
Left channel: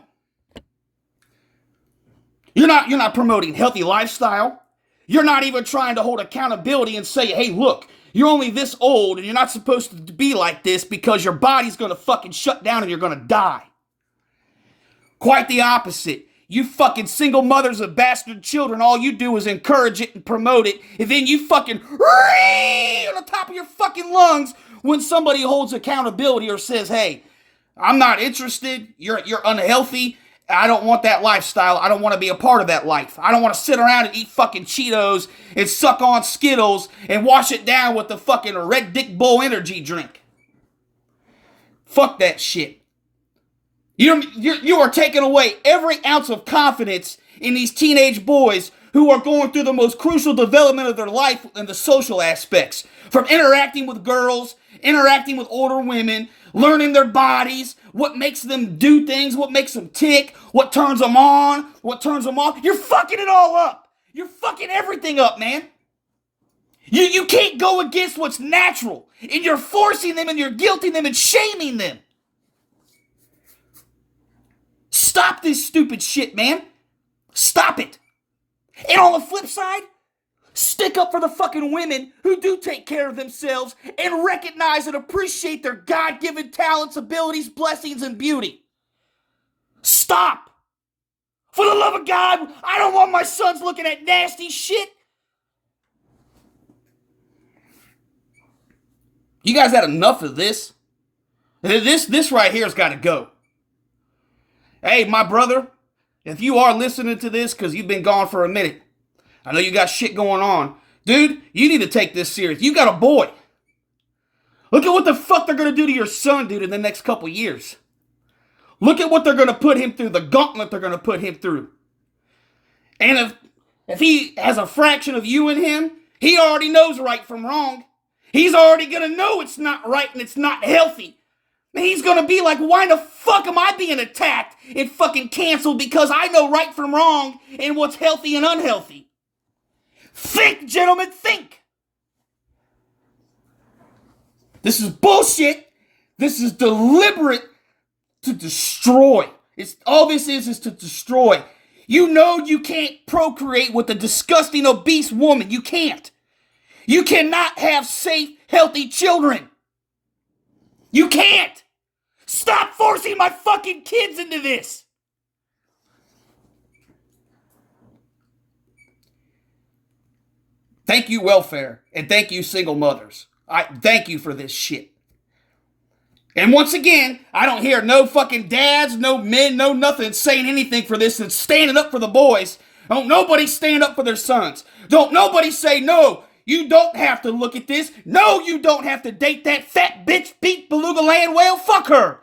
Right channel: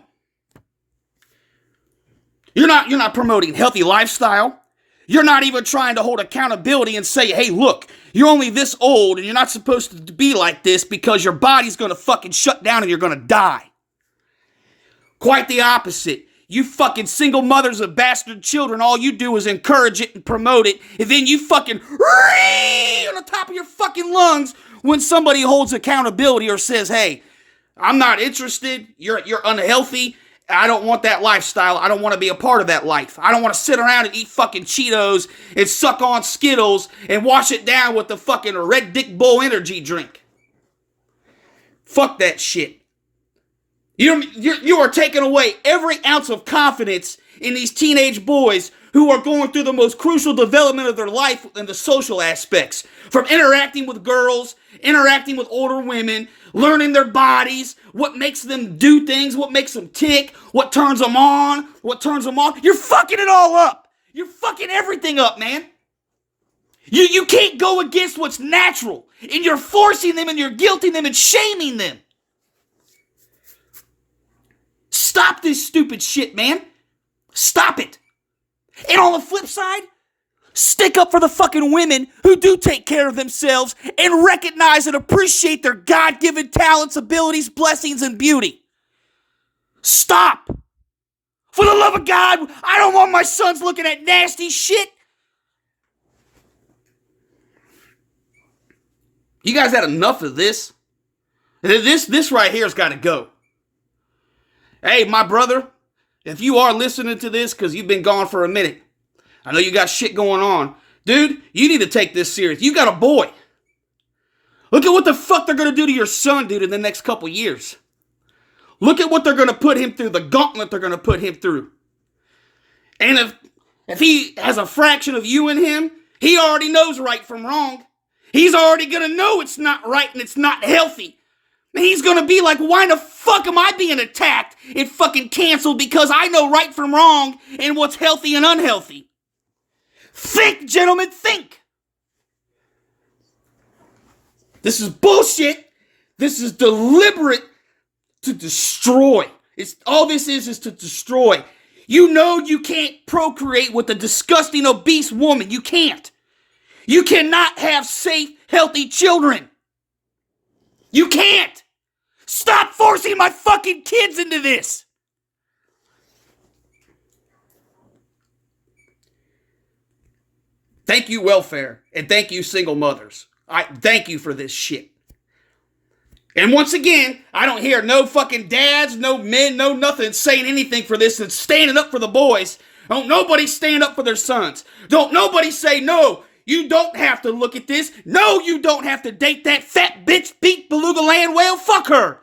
You're not promoting healthy lifestyle. You're not even trying to hold accountability and say, hey, look, You're only this old and you're not supposed to be like this because your body's going to fucking shut down and you're going to die. Quite the opposite. You fucking single mothers of bastard children, all you do is encourage it and promote it, and then you fucking on the top of your fucking lungs when somebody holds accountability or says, hey, I'm not interested, you're unhealthy, I don't want that lifestyle, I don't want to be a part of that life. I don't want to sit around and eat fucking Cheetos and suck on Skittles and wash it down with the fucking Red Dick Bull energy drink. Fuck that shit. You are taking away every ounce of confidence in these teenage boys who are going through the most crucial development of their life in the social aspects. From interacting with girls, interacting with older women, learning their bodies, what makes them do things, what makes them tick, what turns them on, what turns them off. You're fucking it all up. You're fucking everything up, man. You can't go against what's natural. And you're forcing them and you're guilting them and shaming them. Stop this stupid shit, man. Stop it. And on the flip side, stick up for the fucking women who do take care of themselves and recognize and appreciate their God-given talents, abilities, blessings, and beauty. Stop. For the love of God, I don't want my sons looking at nasty shit. You guys had enough of this? This right here has got to go. Hey, my brother, if you are listening to this because you've been gone for a minute, I know you got shit going on. Dude, you need to take this serious. You got a boy. Look at what the fuck they're going to do to your son, dude, in the next couple years. Look at what they're going to put him through, the gauntlet they're going to put him through. And if he has a fraction of you in him, he already knows right from wrong. He's already going to know it's not right and it's not healthy. He's going to be like, why the fuck am I being attacked and fucking canceled because I know right from wrong and what's healthy and unhealthy? Think, gentlemen, think. This is bullshit. This is deliberate to destroy. All this is to destroy. You know you can't procreate with a disgusting, obese woman. You can't. You cannot have safe, healthy children. You can't. Stop forcing my fucking kids into this. Thank you, welfare, and thank you, single mothers. I thank you for this shit. And once again, I don't hear no fucking dads, no men, no nothing saying anything for this and standing up for the boys. Don't nobody stand up for their sons. Don't nobody say, no, you don't have to look at this. No, you don't have to date that fat bitch beat beluga land whale. Fuck her.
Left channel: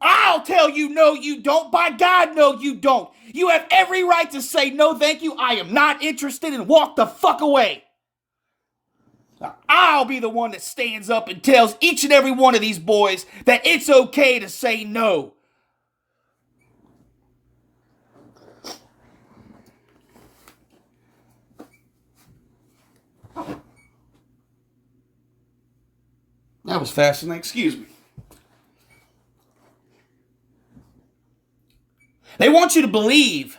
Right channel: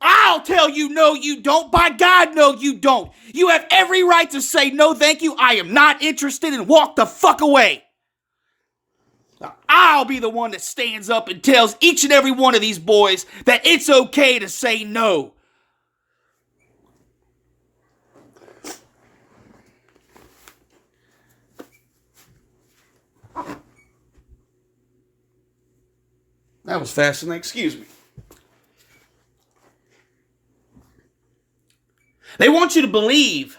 I'll tell you, no, you don't. By God, no, you don't. You have every right to say, no, thank you. I am not interested, and walk the fuck away. I'll be the one that stands up and tells each and every one of these boys that it's okay to say no. That was fascinating. Excuse me. They want you to believe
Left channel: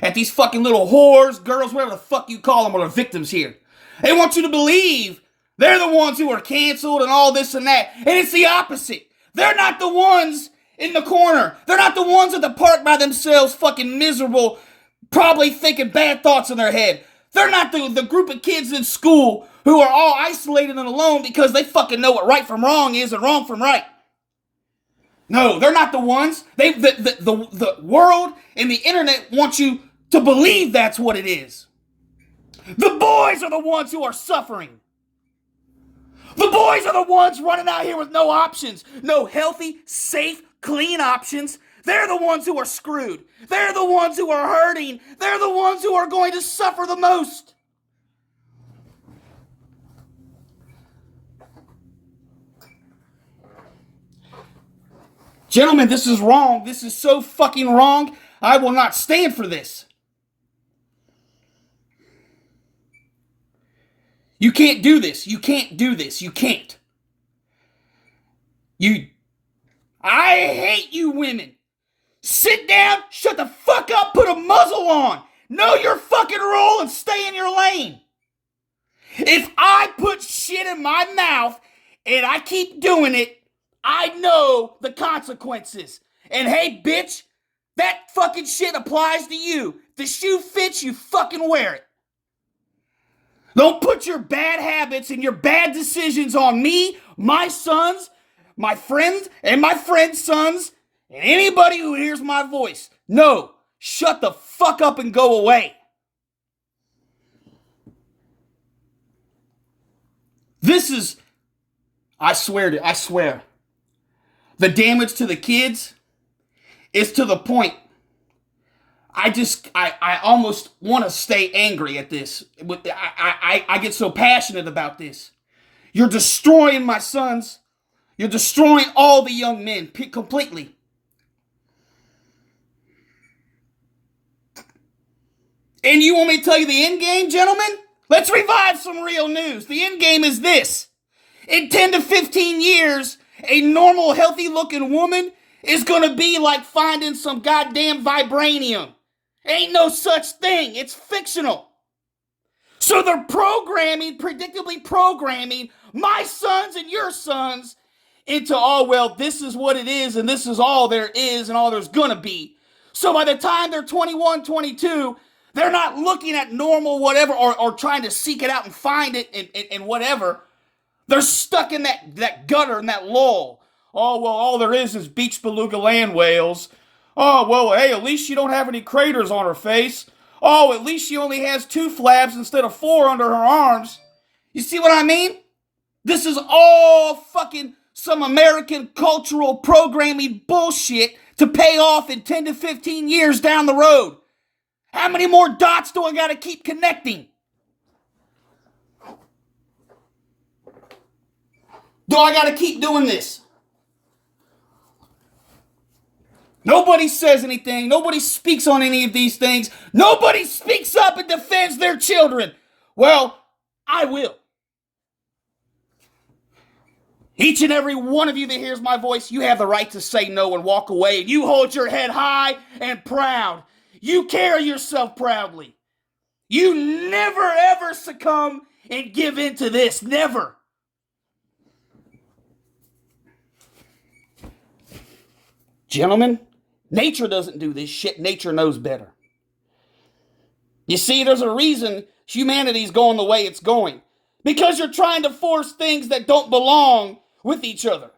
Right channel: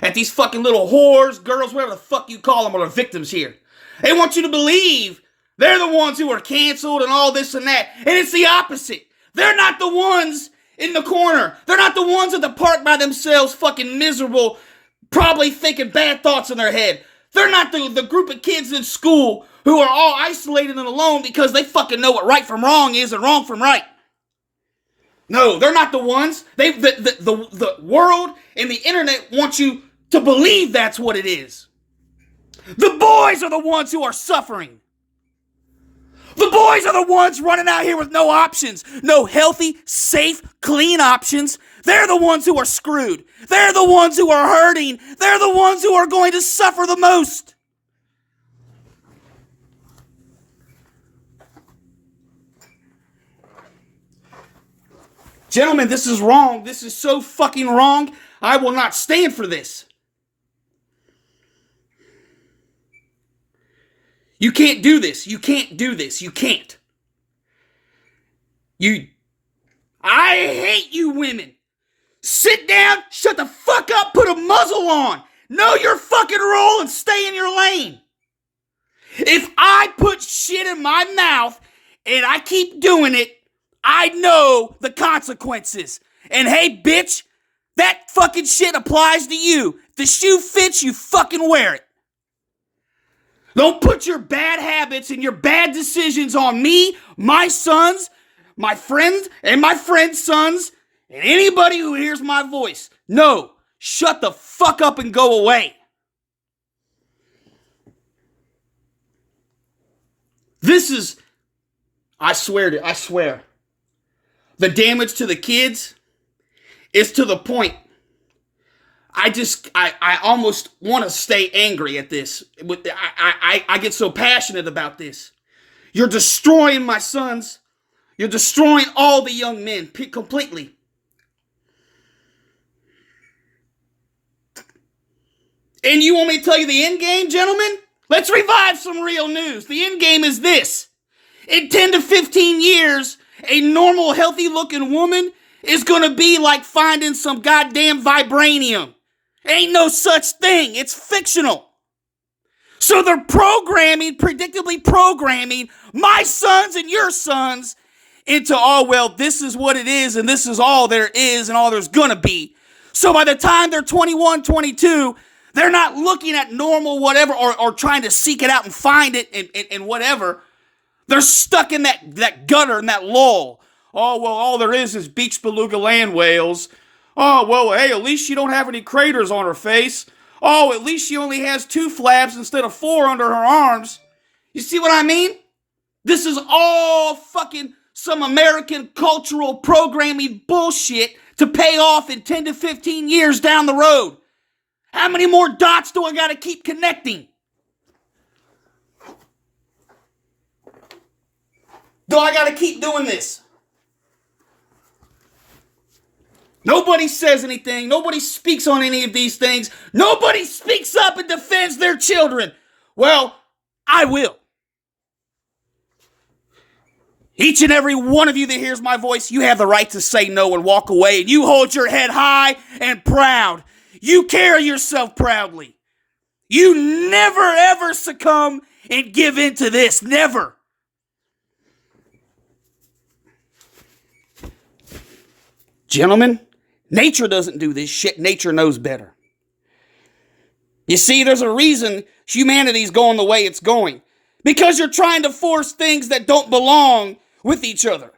that these fucking little whores, girls, whatever the fuck you call them, are the victims here. They want you to believe they're the ones who are canceled and all this and that. And it's the opposite. They're not the ones in the corner. They're not the ones at the park by themselves fucking miserable, probably thinking bad thoughts in their head. They're not the group of kids in school who are all isolated and alone because they fucking know what right from wrong is and wrong from right. No, they're not the ones. The world and the internet want you to believe that's what it is. The boys are the ones who are suffering. The boys are the ones running out here with no options. No healthy, safe, clean options. They're the ones who are screwed. They're the ones who are hurting. They're the ones who are going to suffer the most. Gentlemen, this is wrong. This is so fucking wrong. I will not stand for this. You can't do this. You can't do this. You can't. I hate you women. Sit down, shut the fuck up, put a muzzle on. Know your fucking role and stay in your lane. If I put shit in my mouth and I keep doing it, I know the consequences. And hey, bitch, that fucking shit applies to you. If the shoe fits, you fucking wear it. Don't put your bad habits and your bad decisions on me, my sons, my friends, and my friends' sons, and anybody who hears my voice. No, shut the fuck up and go away. This is, I swear, the damage to the kids is to the point. I almost want to stay angry at this. I get so passionate about this. You're destroying my sons. You're destroying all the young men completely. And you want me to tell you the end game, gentlemen? Let's revive some real news. The end game is this. In 10 to 15 years, a normal, healthy-looking woman is going to be like finding some goddamn vibranium. Ain't no such thing. It's fictional. So they're predictably programming my sons and your sons into, oh, well, this is what it is, and this is all there is and all there's going to be. So by the time they're 21, 22, they're not looking at normal whatever or trying to seek it out and find it and whatever. They're stuck in that gutter and that lull. Oh, well, all there is beach beluga land whales. Oh, well, hey, at least she don't have any craters on her face. Oh, at least she only has 2 flaps instead of 4 under her arms. You see what I mean? This is all fucking some American cultural programming bullshit to pay off in 10 to 15 years down the road. How many more dots do I gotta keep connecting? Do I gotta keep doing this? Nobody says anything. Nobody speaks on any of these things. Nobody speaks up and defends their children. Well, I will. Each and every one of you that hears my voice, you have the right to say no and walk away. And you hold your head high and proud. You carry yourself proudly. You never, ever succumb and give in to this. Never. Gentlemen, nature doesn't do this shit. Nature knows better. You see, there's a reason humanity's going the way it's going. Because you're trying to force things that don't belong with each other.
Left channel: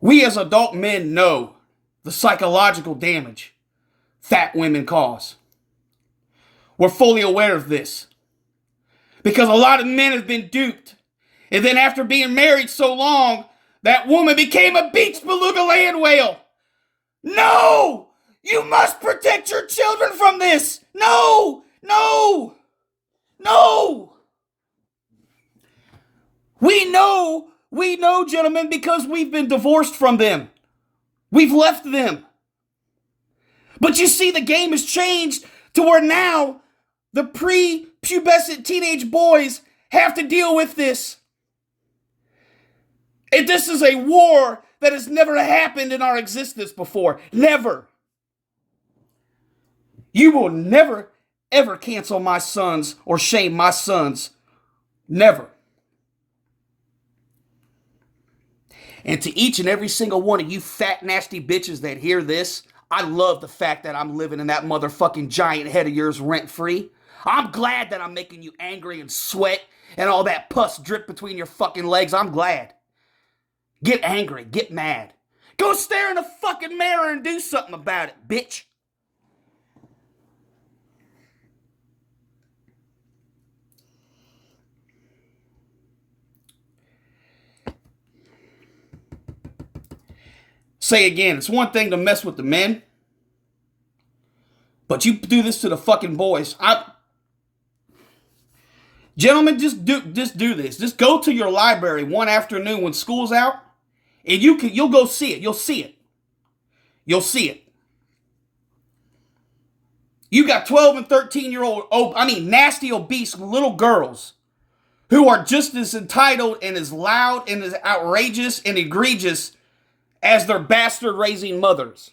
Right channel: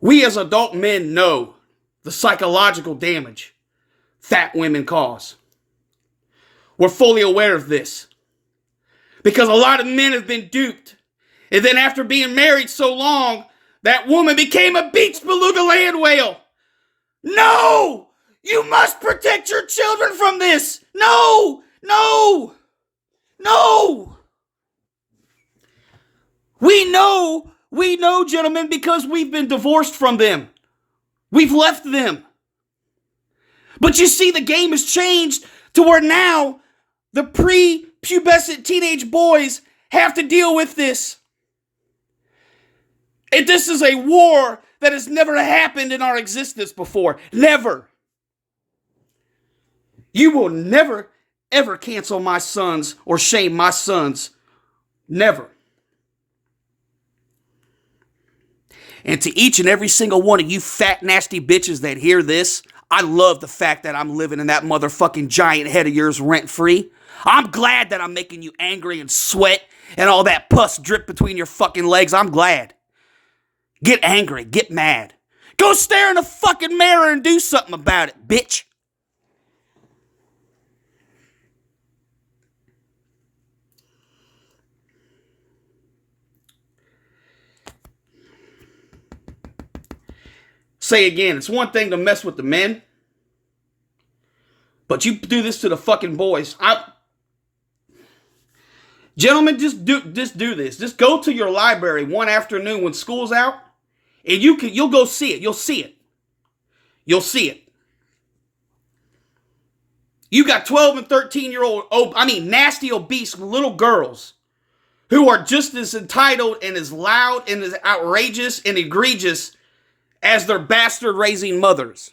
We as adult men know the psychological damage fat women cause. We're fully aware of this. Because a lot of men have been duped. And then after being married so long, that woman became a beach beluga land whale. No! You must protect your children from this! No! No! No! We know, gentlemen, because we've been divorced from them. We've left them. But you see, the game has changed to where now the pre-pubescent teenage boys have to deal with this. And this is a war that has never happened in our existence before. Never. You will never, ever cancel my sons or shame my sons. Never. And to each and every single one of you fat, nasty bitches that hear this, I love the fact that I'm living in that motherfucking giant head of yours rent-free. I'm glad that I'm making you angry and sweat and all that pus drip between your fucking legs. I'm glad. Get angry. Get mad. Go stare in the fucking mirror and do something about it, bitch. Say again, it's one thing to mess with the men, but you do this to the fucking boys. Gentlemen, just do this. Just go to your library one afternoon when school's out, and you'll go see it. You'll see it. You'll see it. You got 12 and 13-year-old, nasty, obese little girls who are just as entitled and as loud and as outrageous and egregious as their bastard raising mothers.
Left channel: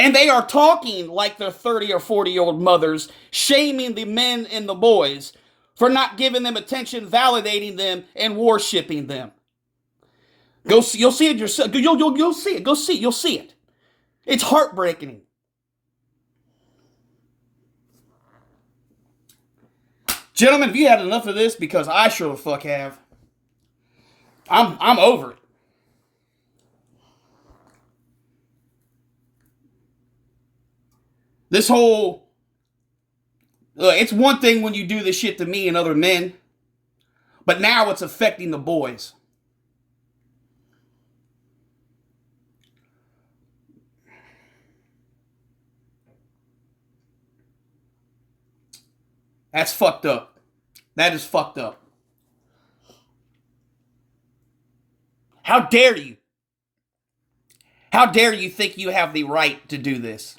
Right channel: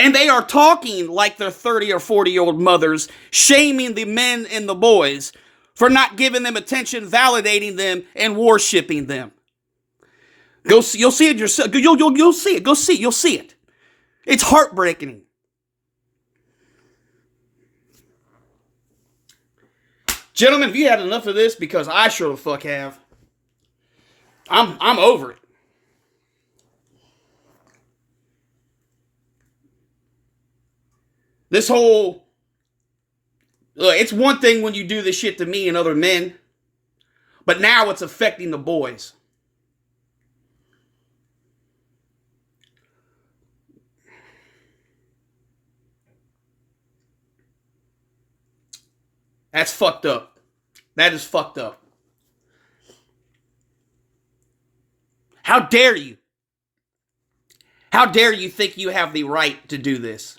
And they are talking like they're 30 or 40-year-old mothers, shaming the men and the boys for not giving them attention, validating them, and worshiping them. You'll see it yourself. You'll see it. Go see it. You'll see it. It's heartbreaking. Gentlemen, have you had enough of this? Because I sure the fuck have. I'm over it. This whole... it's one thing when you do this shit to me and other men, but now it's affecting the boys. That's fucked up. That is fucked up. How dare you? How dare you think you have the right to do this?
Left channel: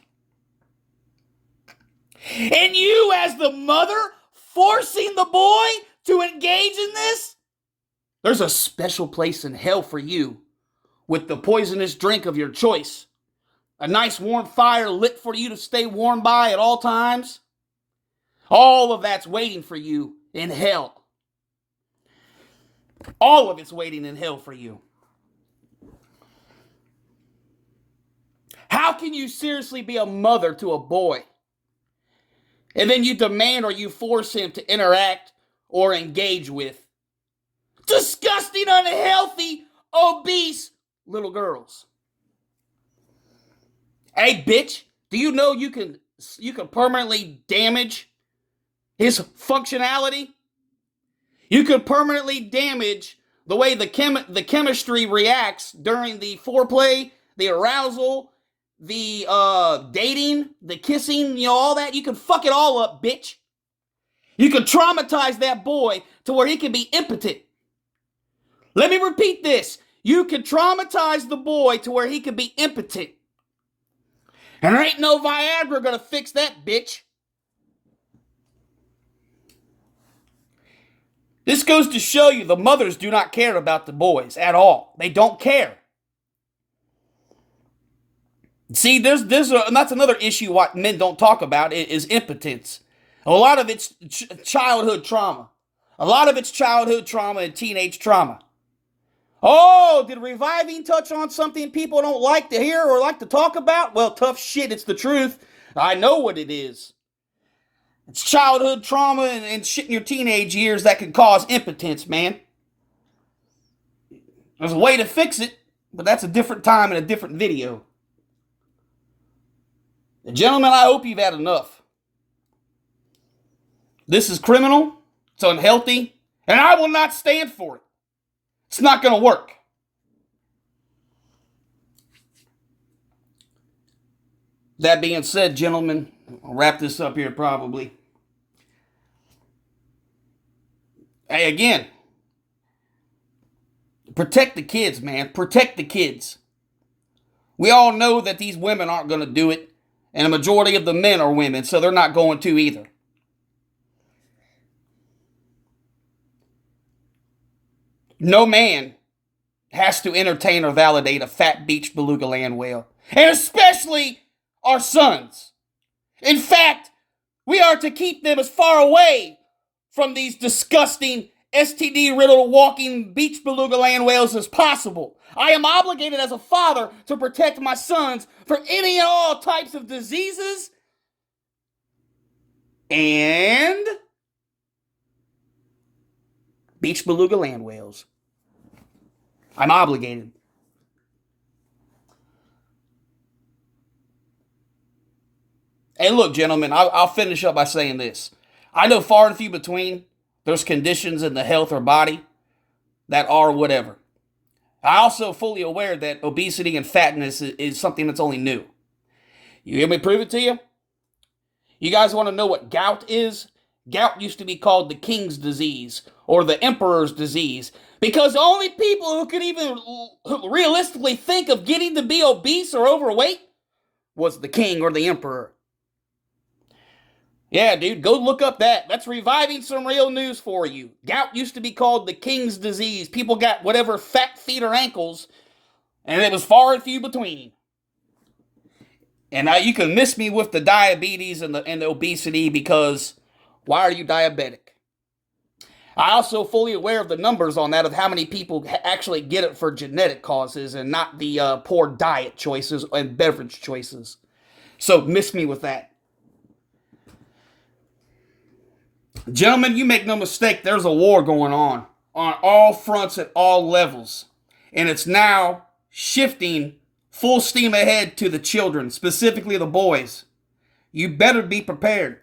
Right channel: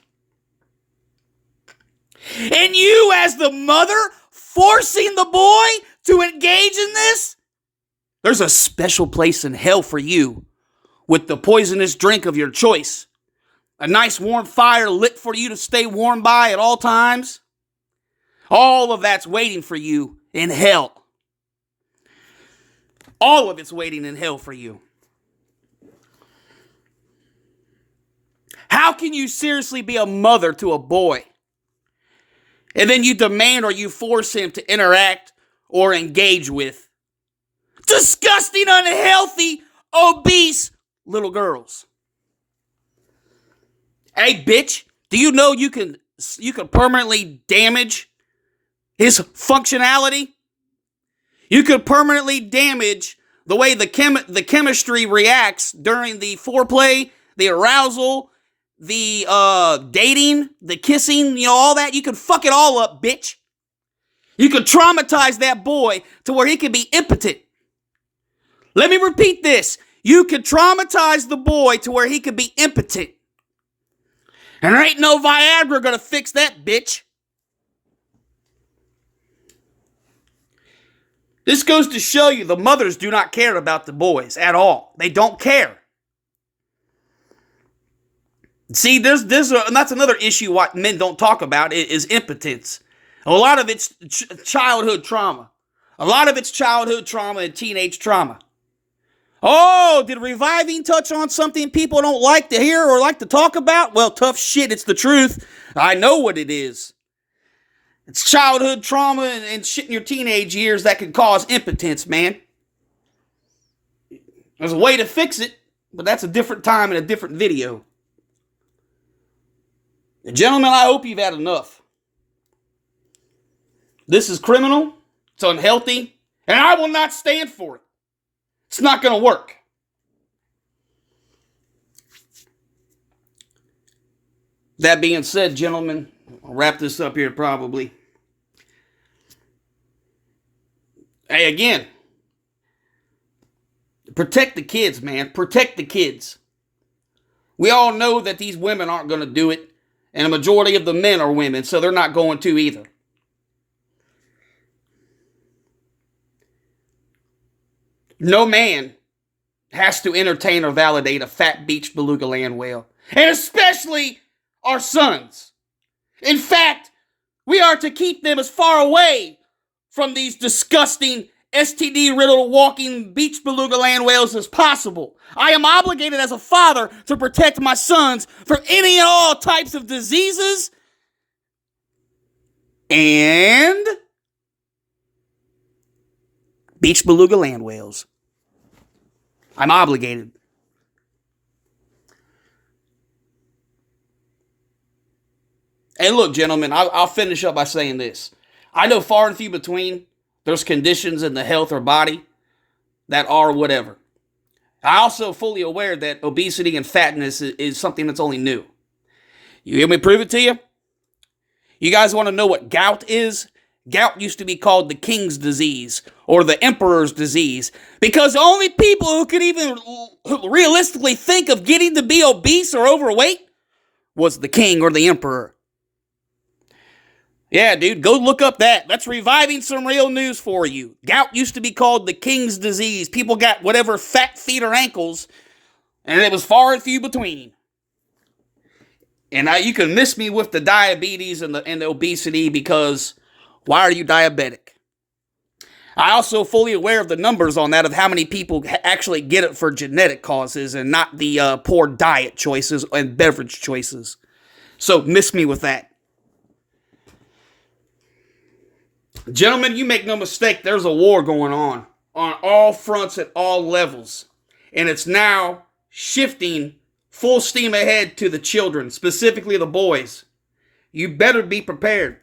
And you, as the mother, forcing the boy to engage in this? There's a special place in hell for you with the poisonous drink of your choice. A nice warm fire lit for you to stay warm by at all times. All of that's waiting for you in hell. All of it's waiting in hell for you. How can you seriously be a mother to a boy? And then you demand or you force him to interact or engage with disgusting, unhealthy, obese little girls. Hey, bitch, do you know you can permanently damage his functionality? You could permanently damage the way the chemistry reacts during the foreplay, the arousal, the dating, the kissing, all that. You could fuck it all up, bitch. You could traumatize that boy to where he can be impotent. Let me repeat this. You could traumatize the boy to where he could be impotent. And there ain't no Viagra gonna fix that, bitch. This goes to show you the mothers do not care about the boys at all. They don't care. See, and that's another issue what men don't talk about is impotence. A lot of it's childhood trauma. A lot of it's childhood trauma and teenage trauma. Oh, did Reviving touch on something people don't like to hear or like to talk about? Well, tough shit, it's the truth. I know what it is. It's childhood trauma and shit in your teenage years that can cause impotence, man. There's a way to fix it, but that's a different time and a different video. Gentlemen, I hope you've had enough. This is criminal, it's unhealthy, and I will not stand for it. It's not going to work. That being said, gentlemen, I'll wrap this up here probably. Hey, again, protect the kids, man. Protect the kids. We all know that these women aren't going to do it. And a majority of the men are women, so they're not going to either. No man has to entertain or validate a fat beach beluga land whale. And especially our sons. In fact, we are to keep them as far away from these disgusting STD-riddled walking beach beluga land whales as possible. I am obligated as a father to protect my sons from any and all types of diseases and beach beluga land whales. I'm obligated. And look, gentlemen, I'll finish up by saying this. I know far and few between there's conditions in the health or body that are whatever. I'm also fully aware that obesity and fatness is something that's only new. You hear me prove it to you? You guys want to know what gout is? Gout used to be called the king's disease or the emperor's disease because the only people who could even realistically think of getting to be obese or overweight was the king or the emperor. Yeah, dude, go look up that. That's reviving some real news for you. Gout used to be called the king's disease. People got whatever fat feet or ankles, and it was far and few between. And you can miss me with the diabetes and the obesity, because why are you diabetic? I also fully aware of the numbers on that, of how many people actually get it for genetic causes and not the poor diet choices and beverage choices. So miss me with that. Gentlemen, you make no mistake, there's a war going on all fronts at all levels. And it's now shifting full steam ahead to the children, specifically the boys. You better be prepared.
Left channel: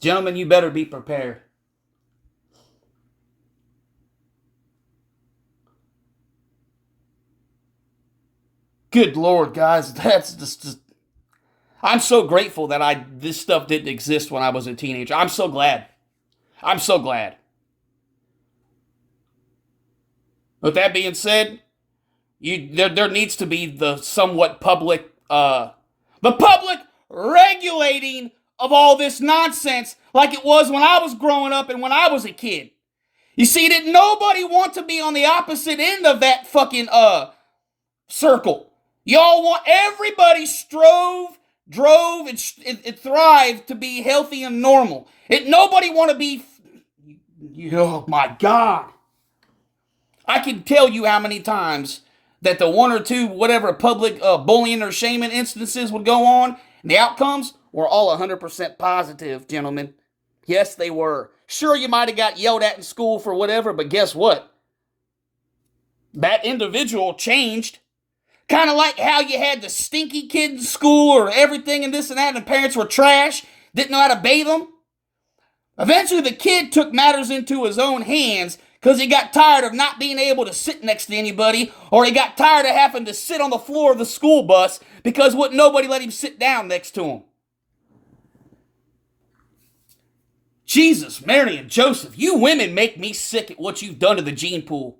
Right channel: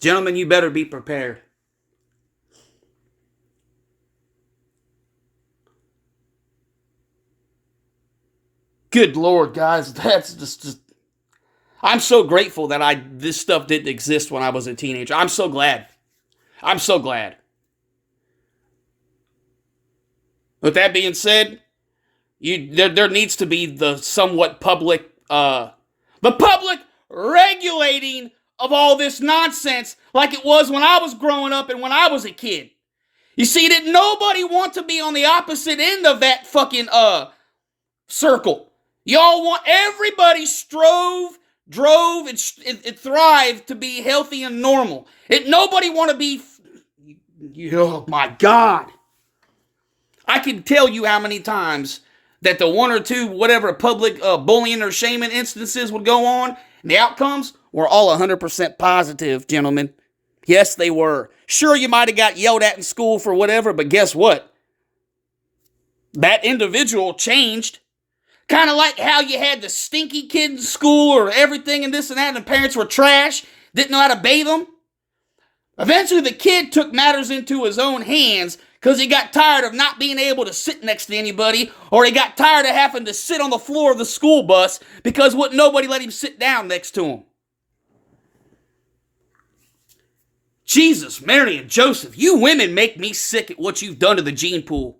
Gentlemen, you better be prepared. Good Lord, guys, that's just I'm so grateful that this stuff didn't exist when I was a teenager. I'm so glad. I'm so glad. With that being said, there needs to be the somewhat public regulating of all this nonsense, like it was when I was growing up and when I was a kid. You see, didn't nobody want to be on the opposite end of that fucking circle. Everybody drove, and thrived to be healthy and normal. Nobody want to be, oh my God. I can tell you how many times that the one or two, whatever, public bullying or shaming instances would go on, and the outcomes were all 100% positive, gentlemen. Yes, they were. Sure, you might have got yelled at in school for whatever, but guess what? That individual changed. Kind of like how you had the stinky kid in school or everything and this and that, and the parents were trash, didn't know how to bathe them. Eventually, the kid took matters into his own hands because he got tired of not being able to sit next to anybody, or he got tired of having to sit on the floor of the school bus because nobody let him sit down next to him. Jesus, Mary and Joseph, you women make me sick at what you've done to the gene pool.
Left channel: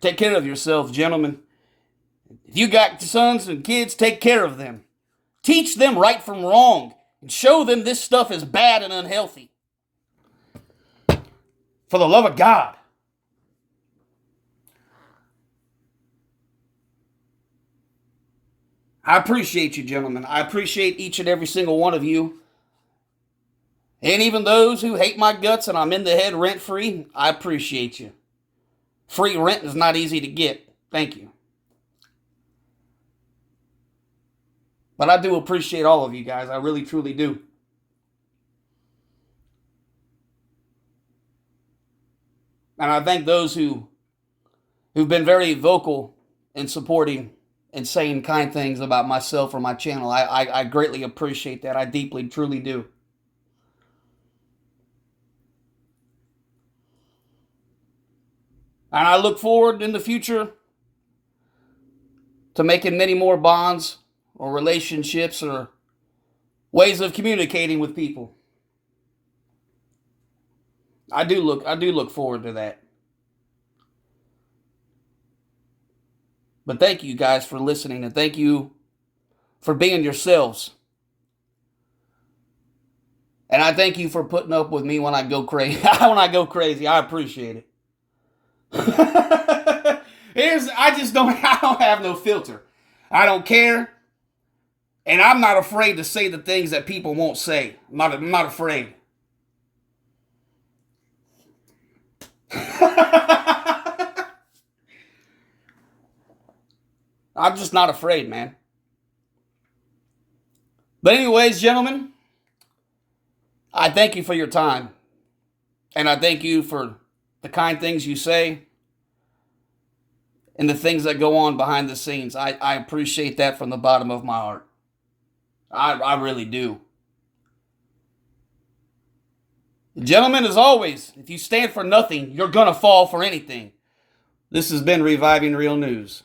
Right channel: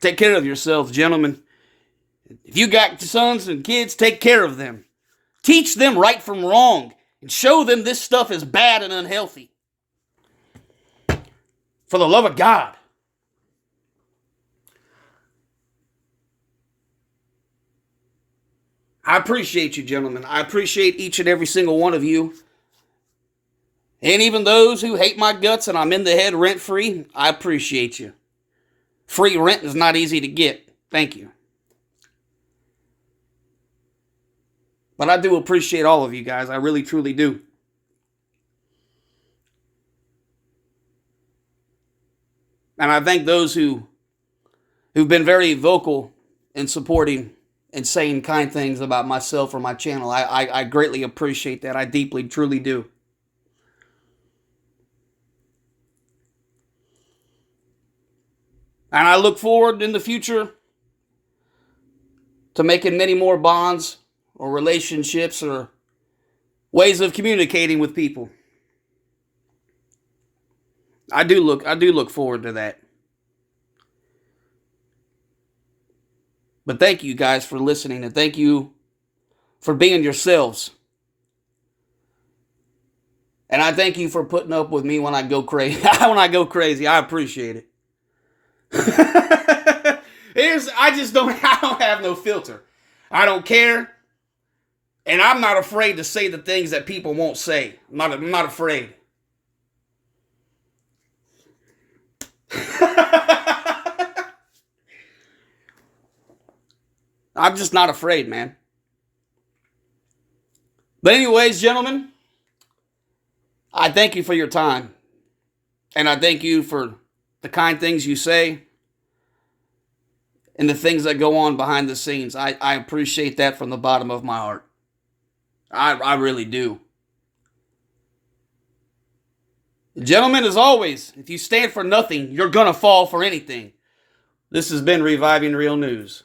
Take care of yourselves, gentlemen. If you got sons and kids, take care of them. Teach them right from wrong and show them this stuff is bad and unhealthy. For the love of God. I appreciate you, gentlemen. I appreciate each and every single one of you. And even those who hate my guts and I'm in the head rent-free, I appreciate you. Free rent is not easy to get. Thank you. But I do appreciate all of you guys. I really, truly do. And I thank those who've been very vocal in supporting and saying kind things about myself or my channel. I greatly appreciate that. I deeply, truly do. And I look forward in the future to making many more bonds or relationships or ways of communicating with people. I do look forward to that. But thank you guys for listening, and thank you for being yourselves. And I thank you for putting up with me when I go crazy. I appreciate it. I don't have no filter. I don't care. And I'm not afraid to say the things that people won't say. I'm not afraid. I'm just not afraid, man. But anyways, gentlemen, I thank you for your time. And I thank you for the kind things you say and the things that go on behind the scenes. I appreciate that from the bottom of my heart. I really do. Gentlemen, as always, if you stand for nothing, you're going to fall for anything. This has been Reviving Real News.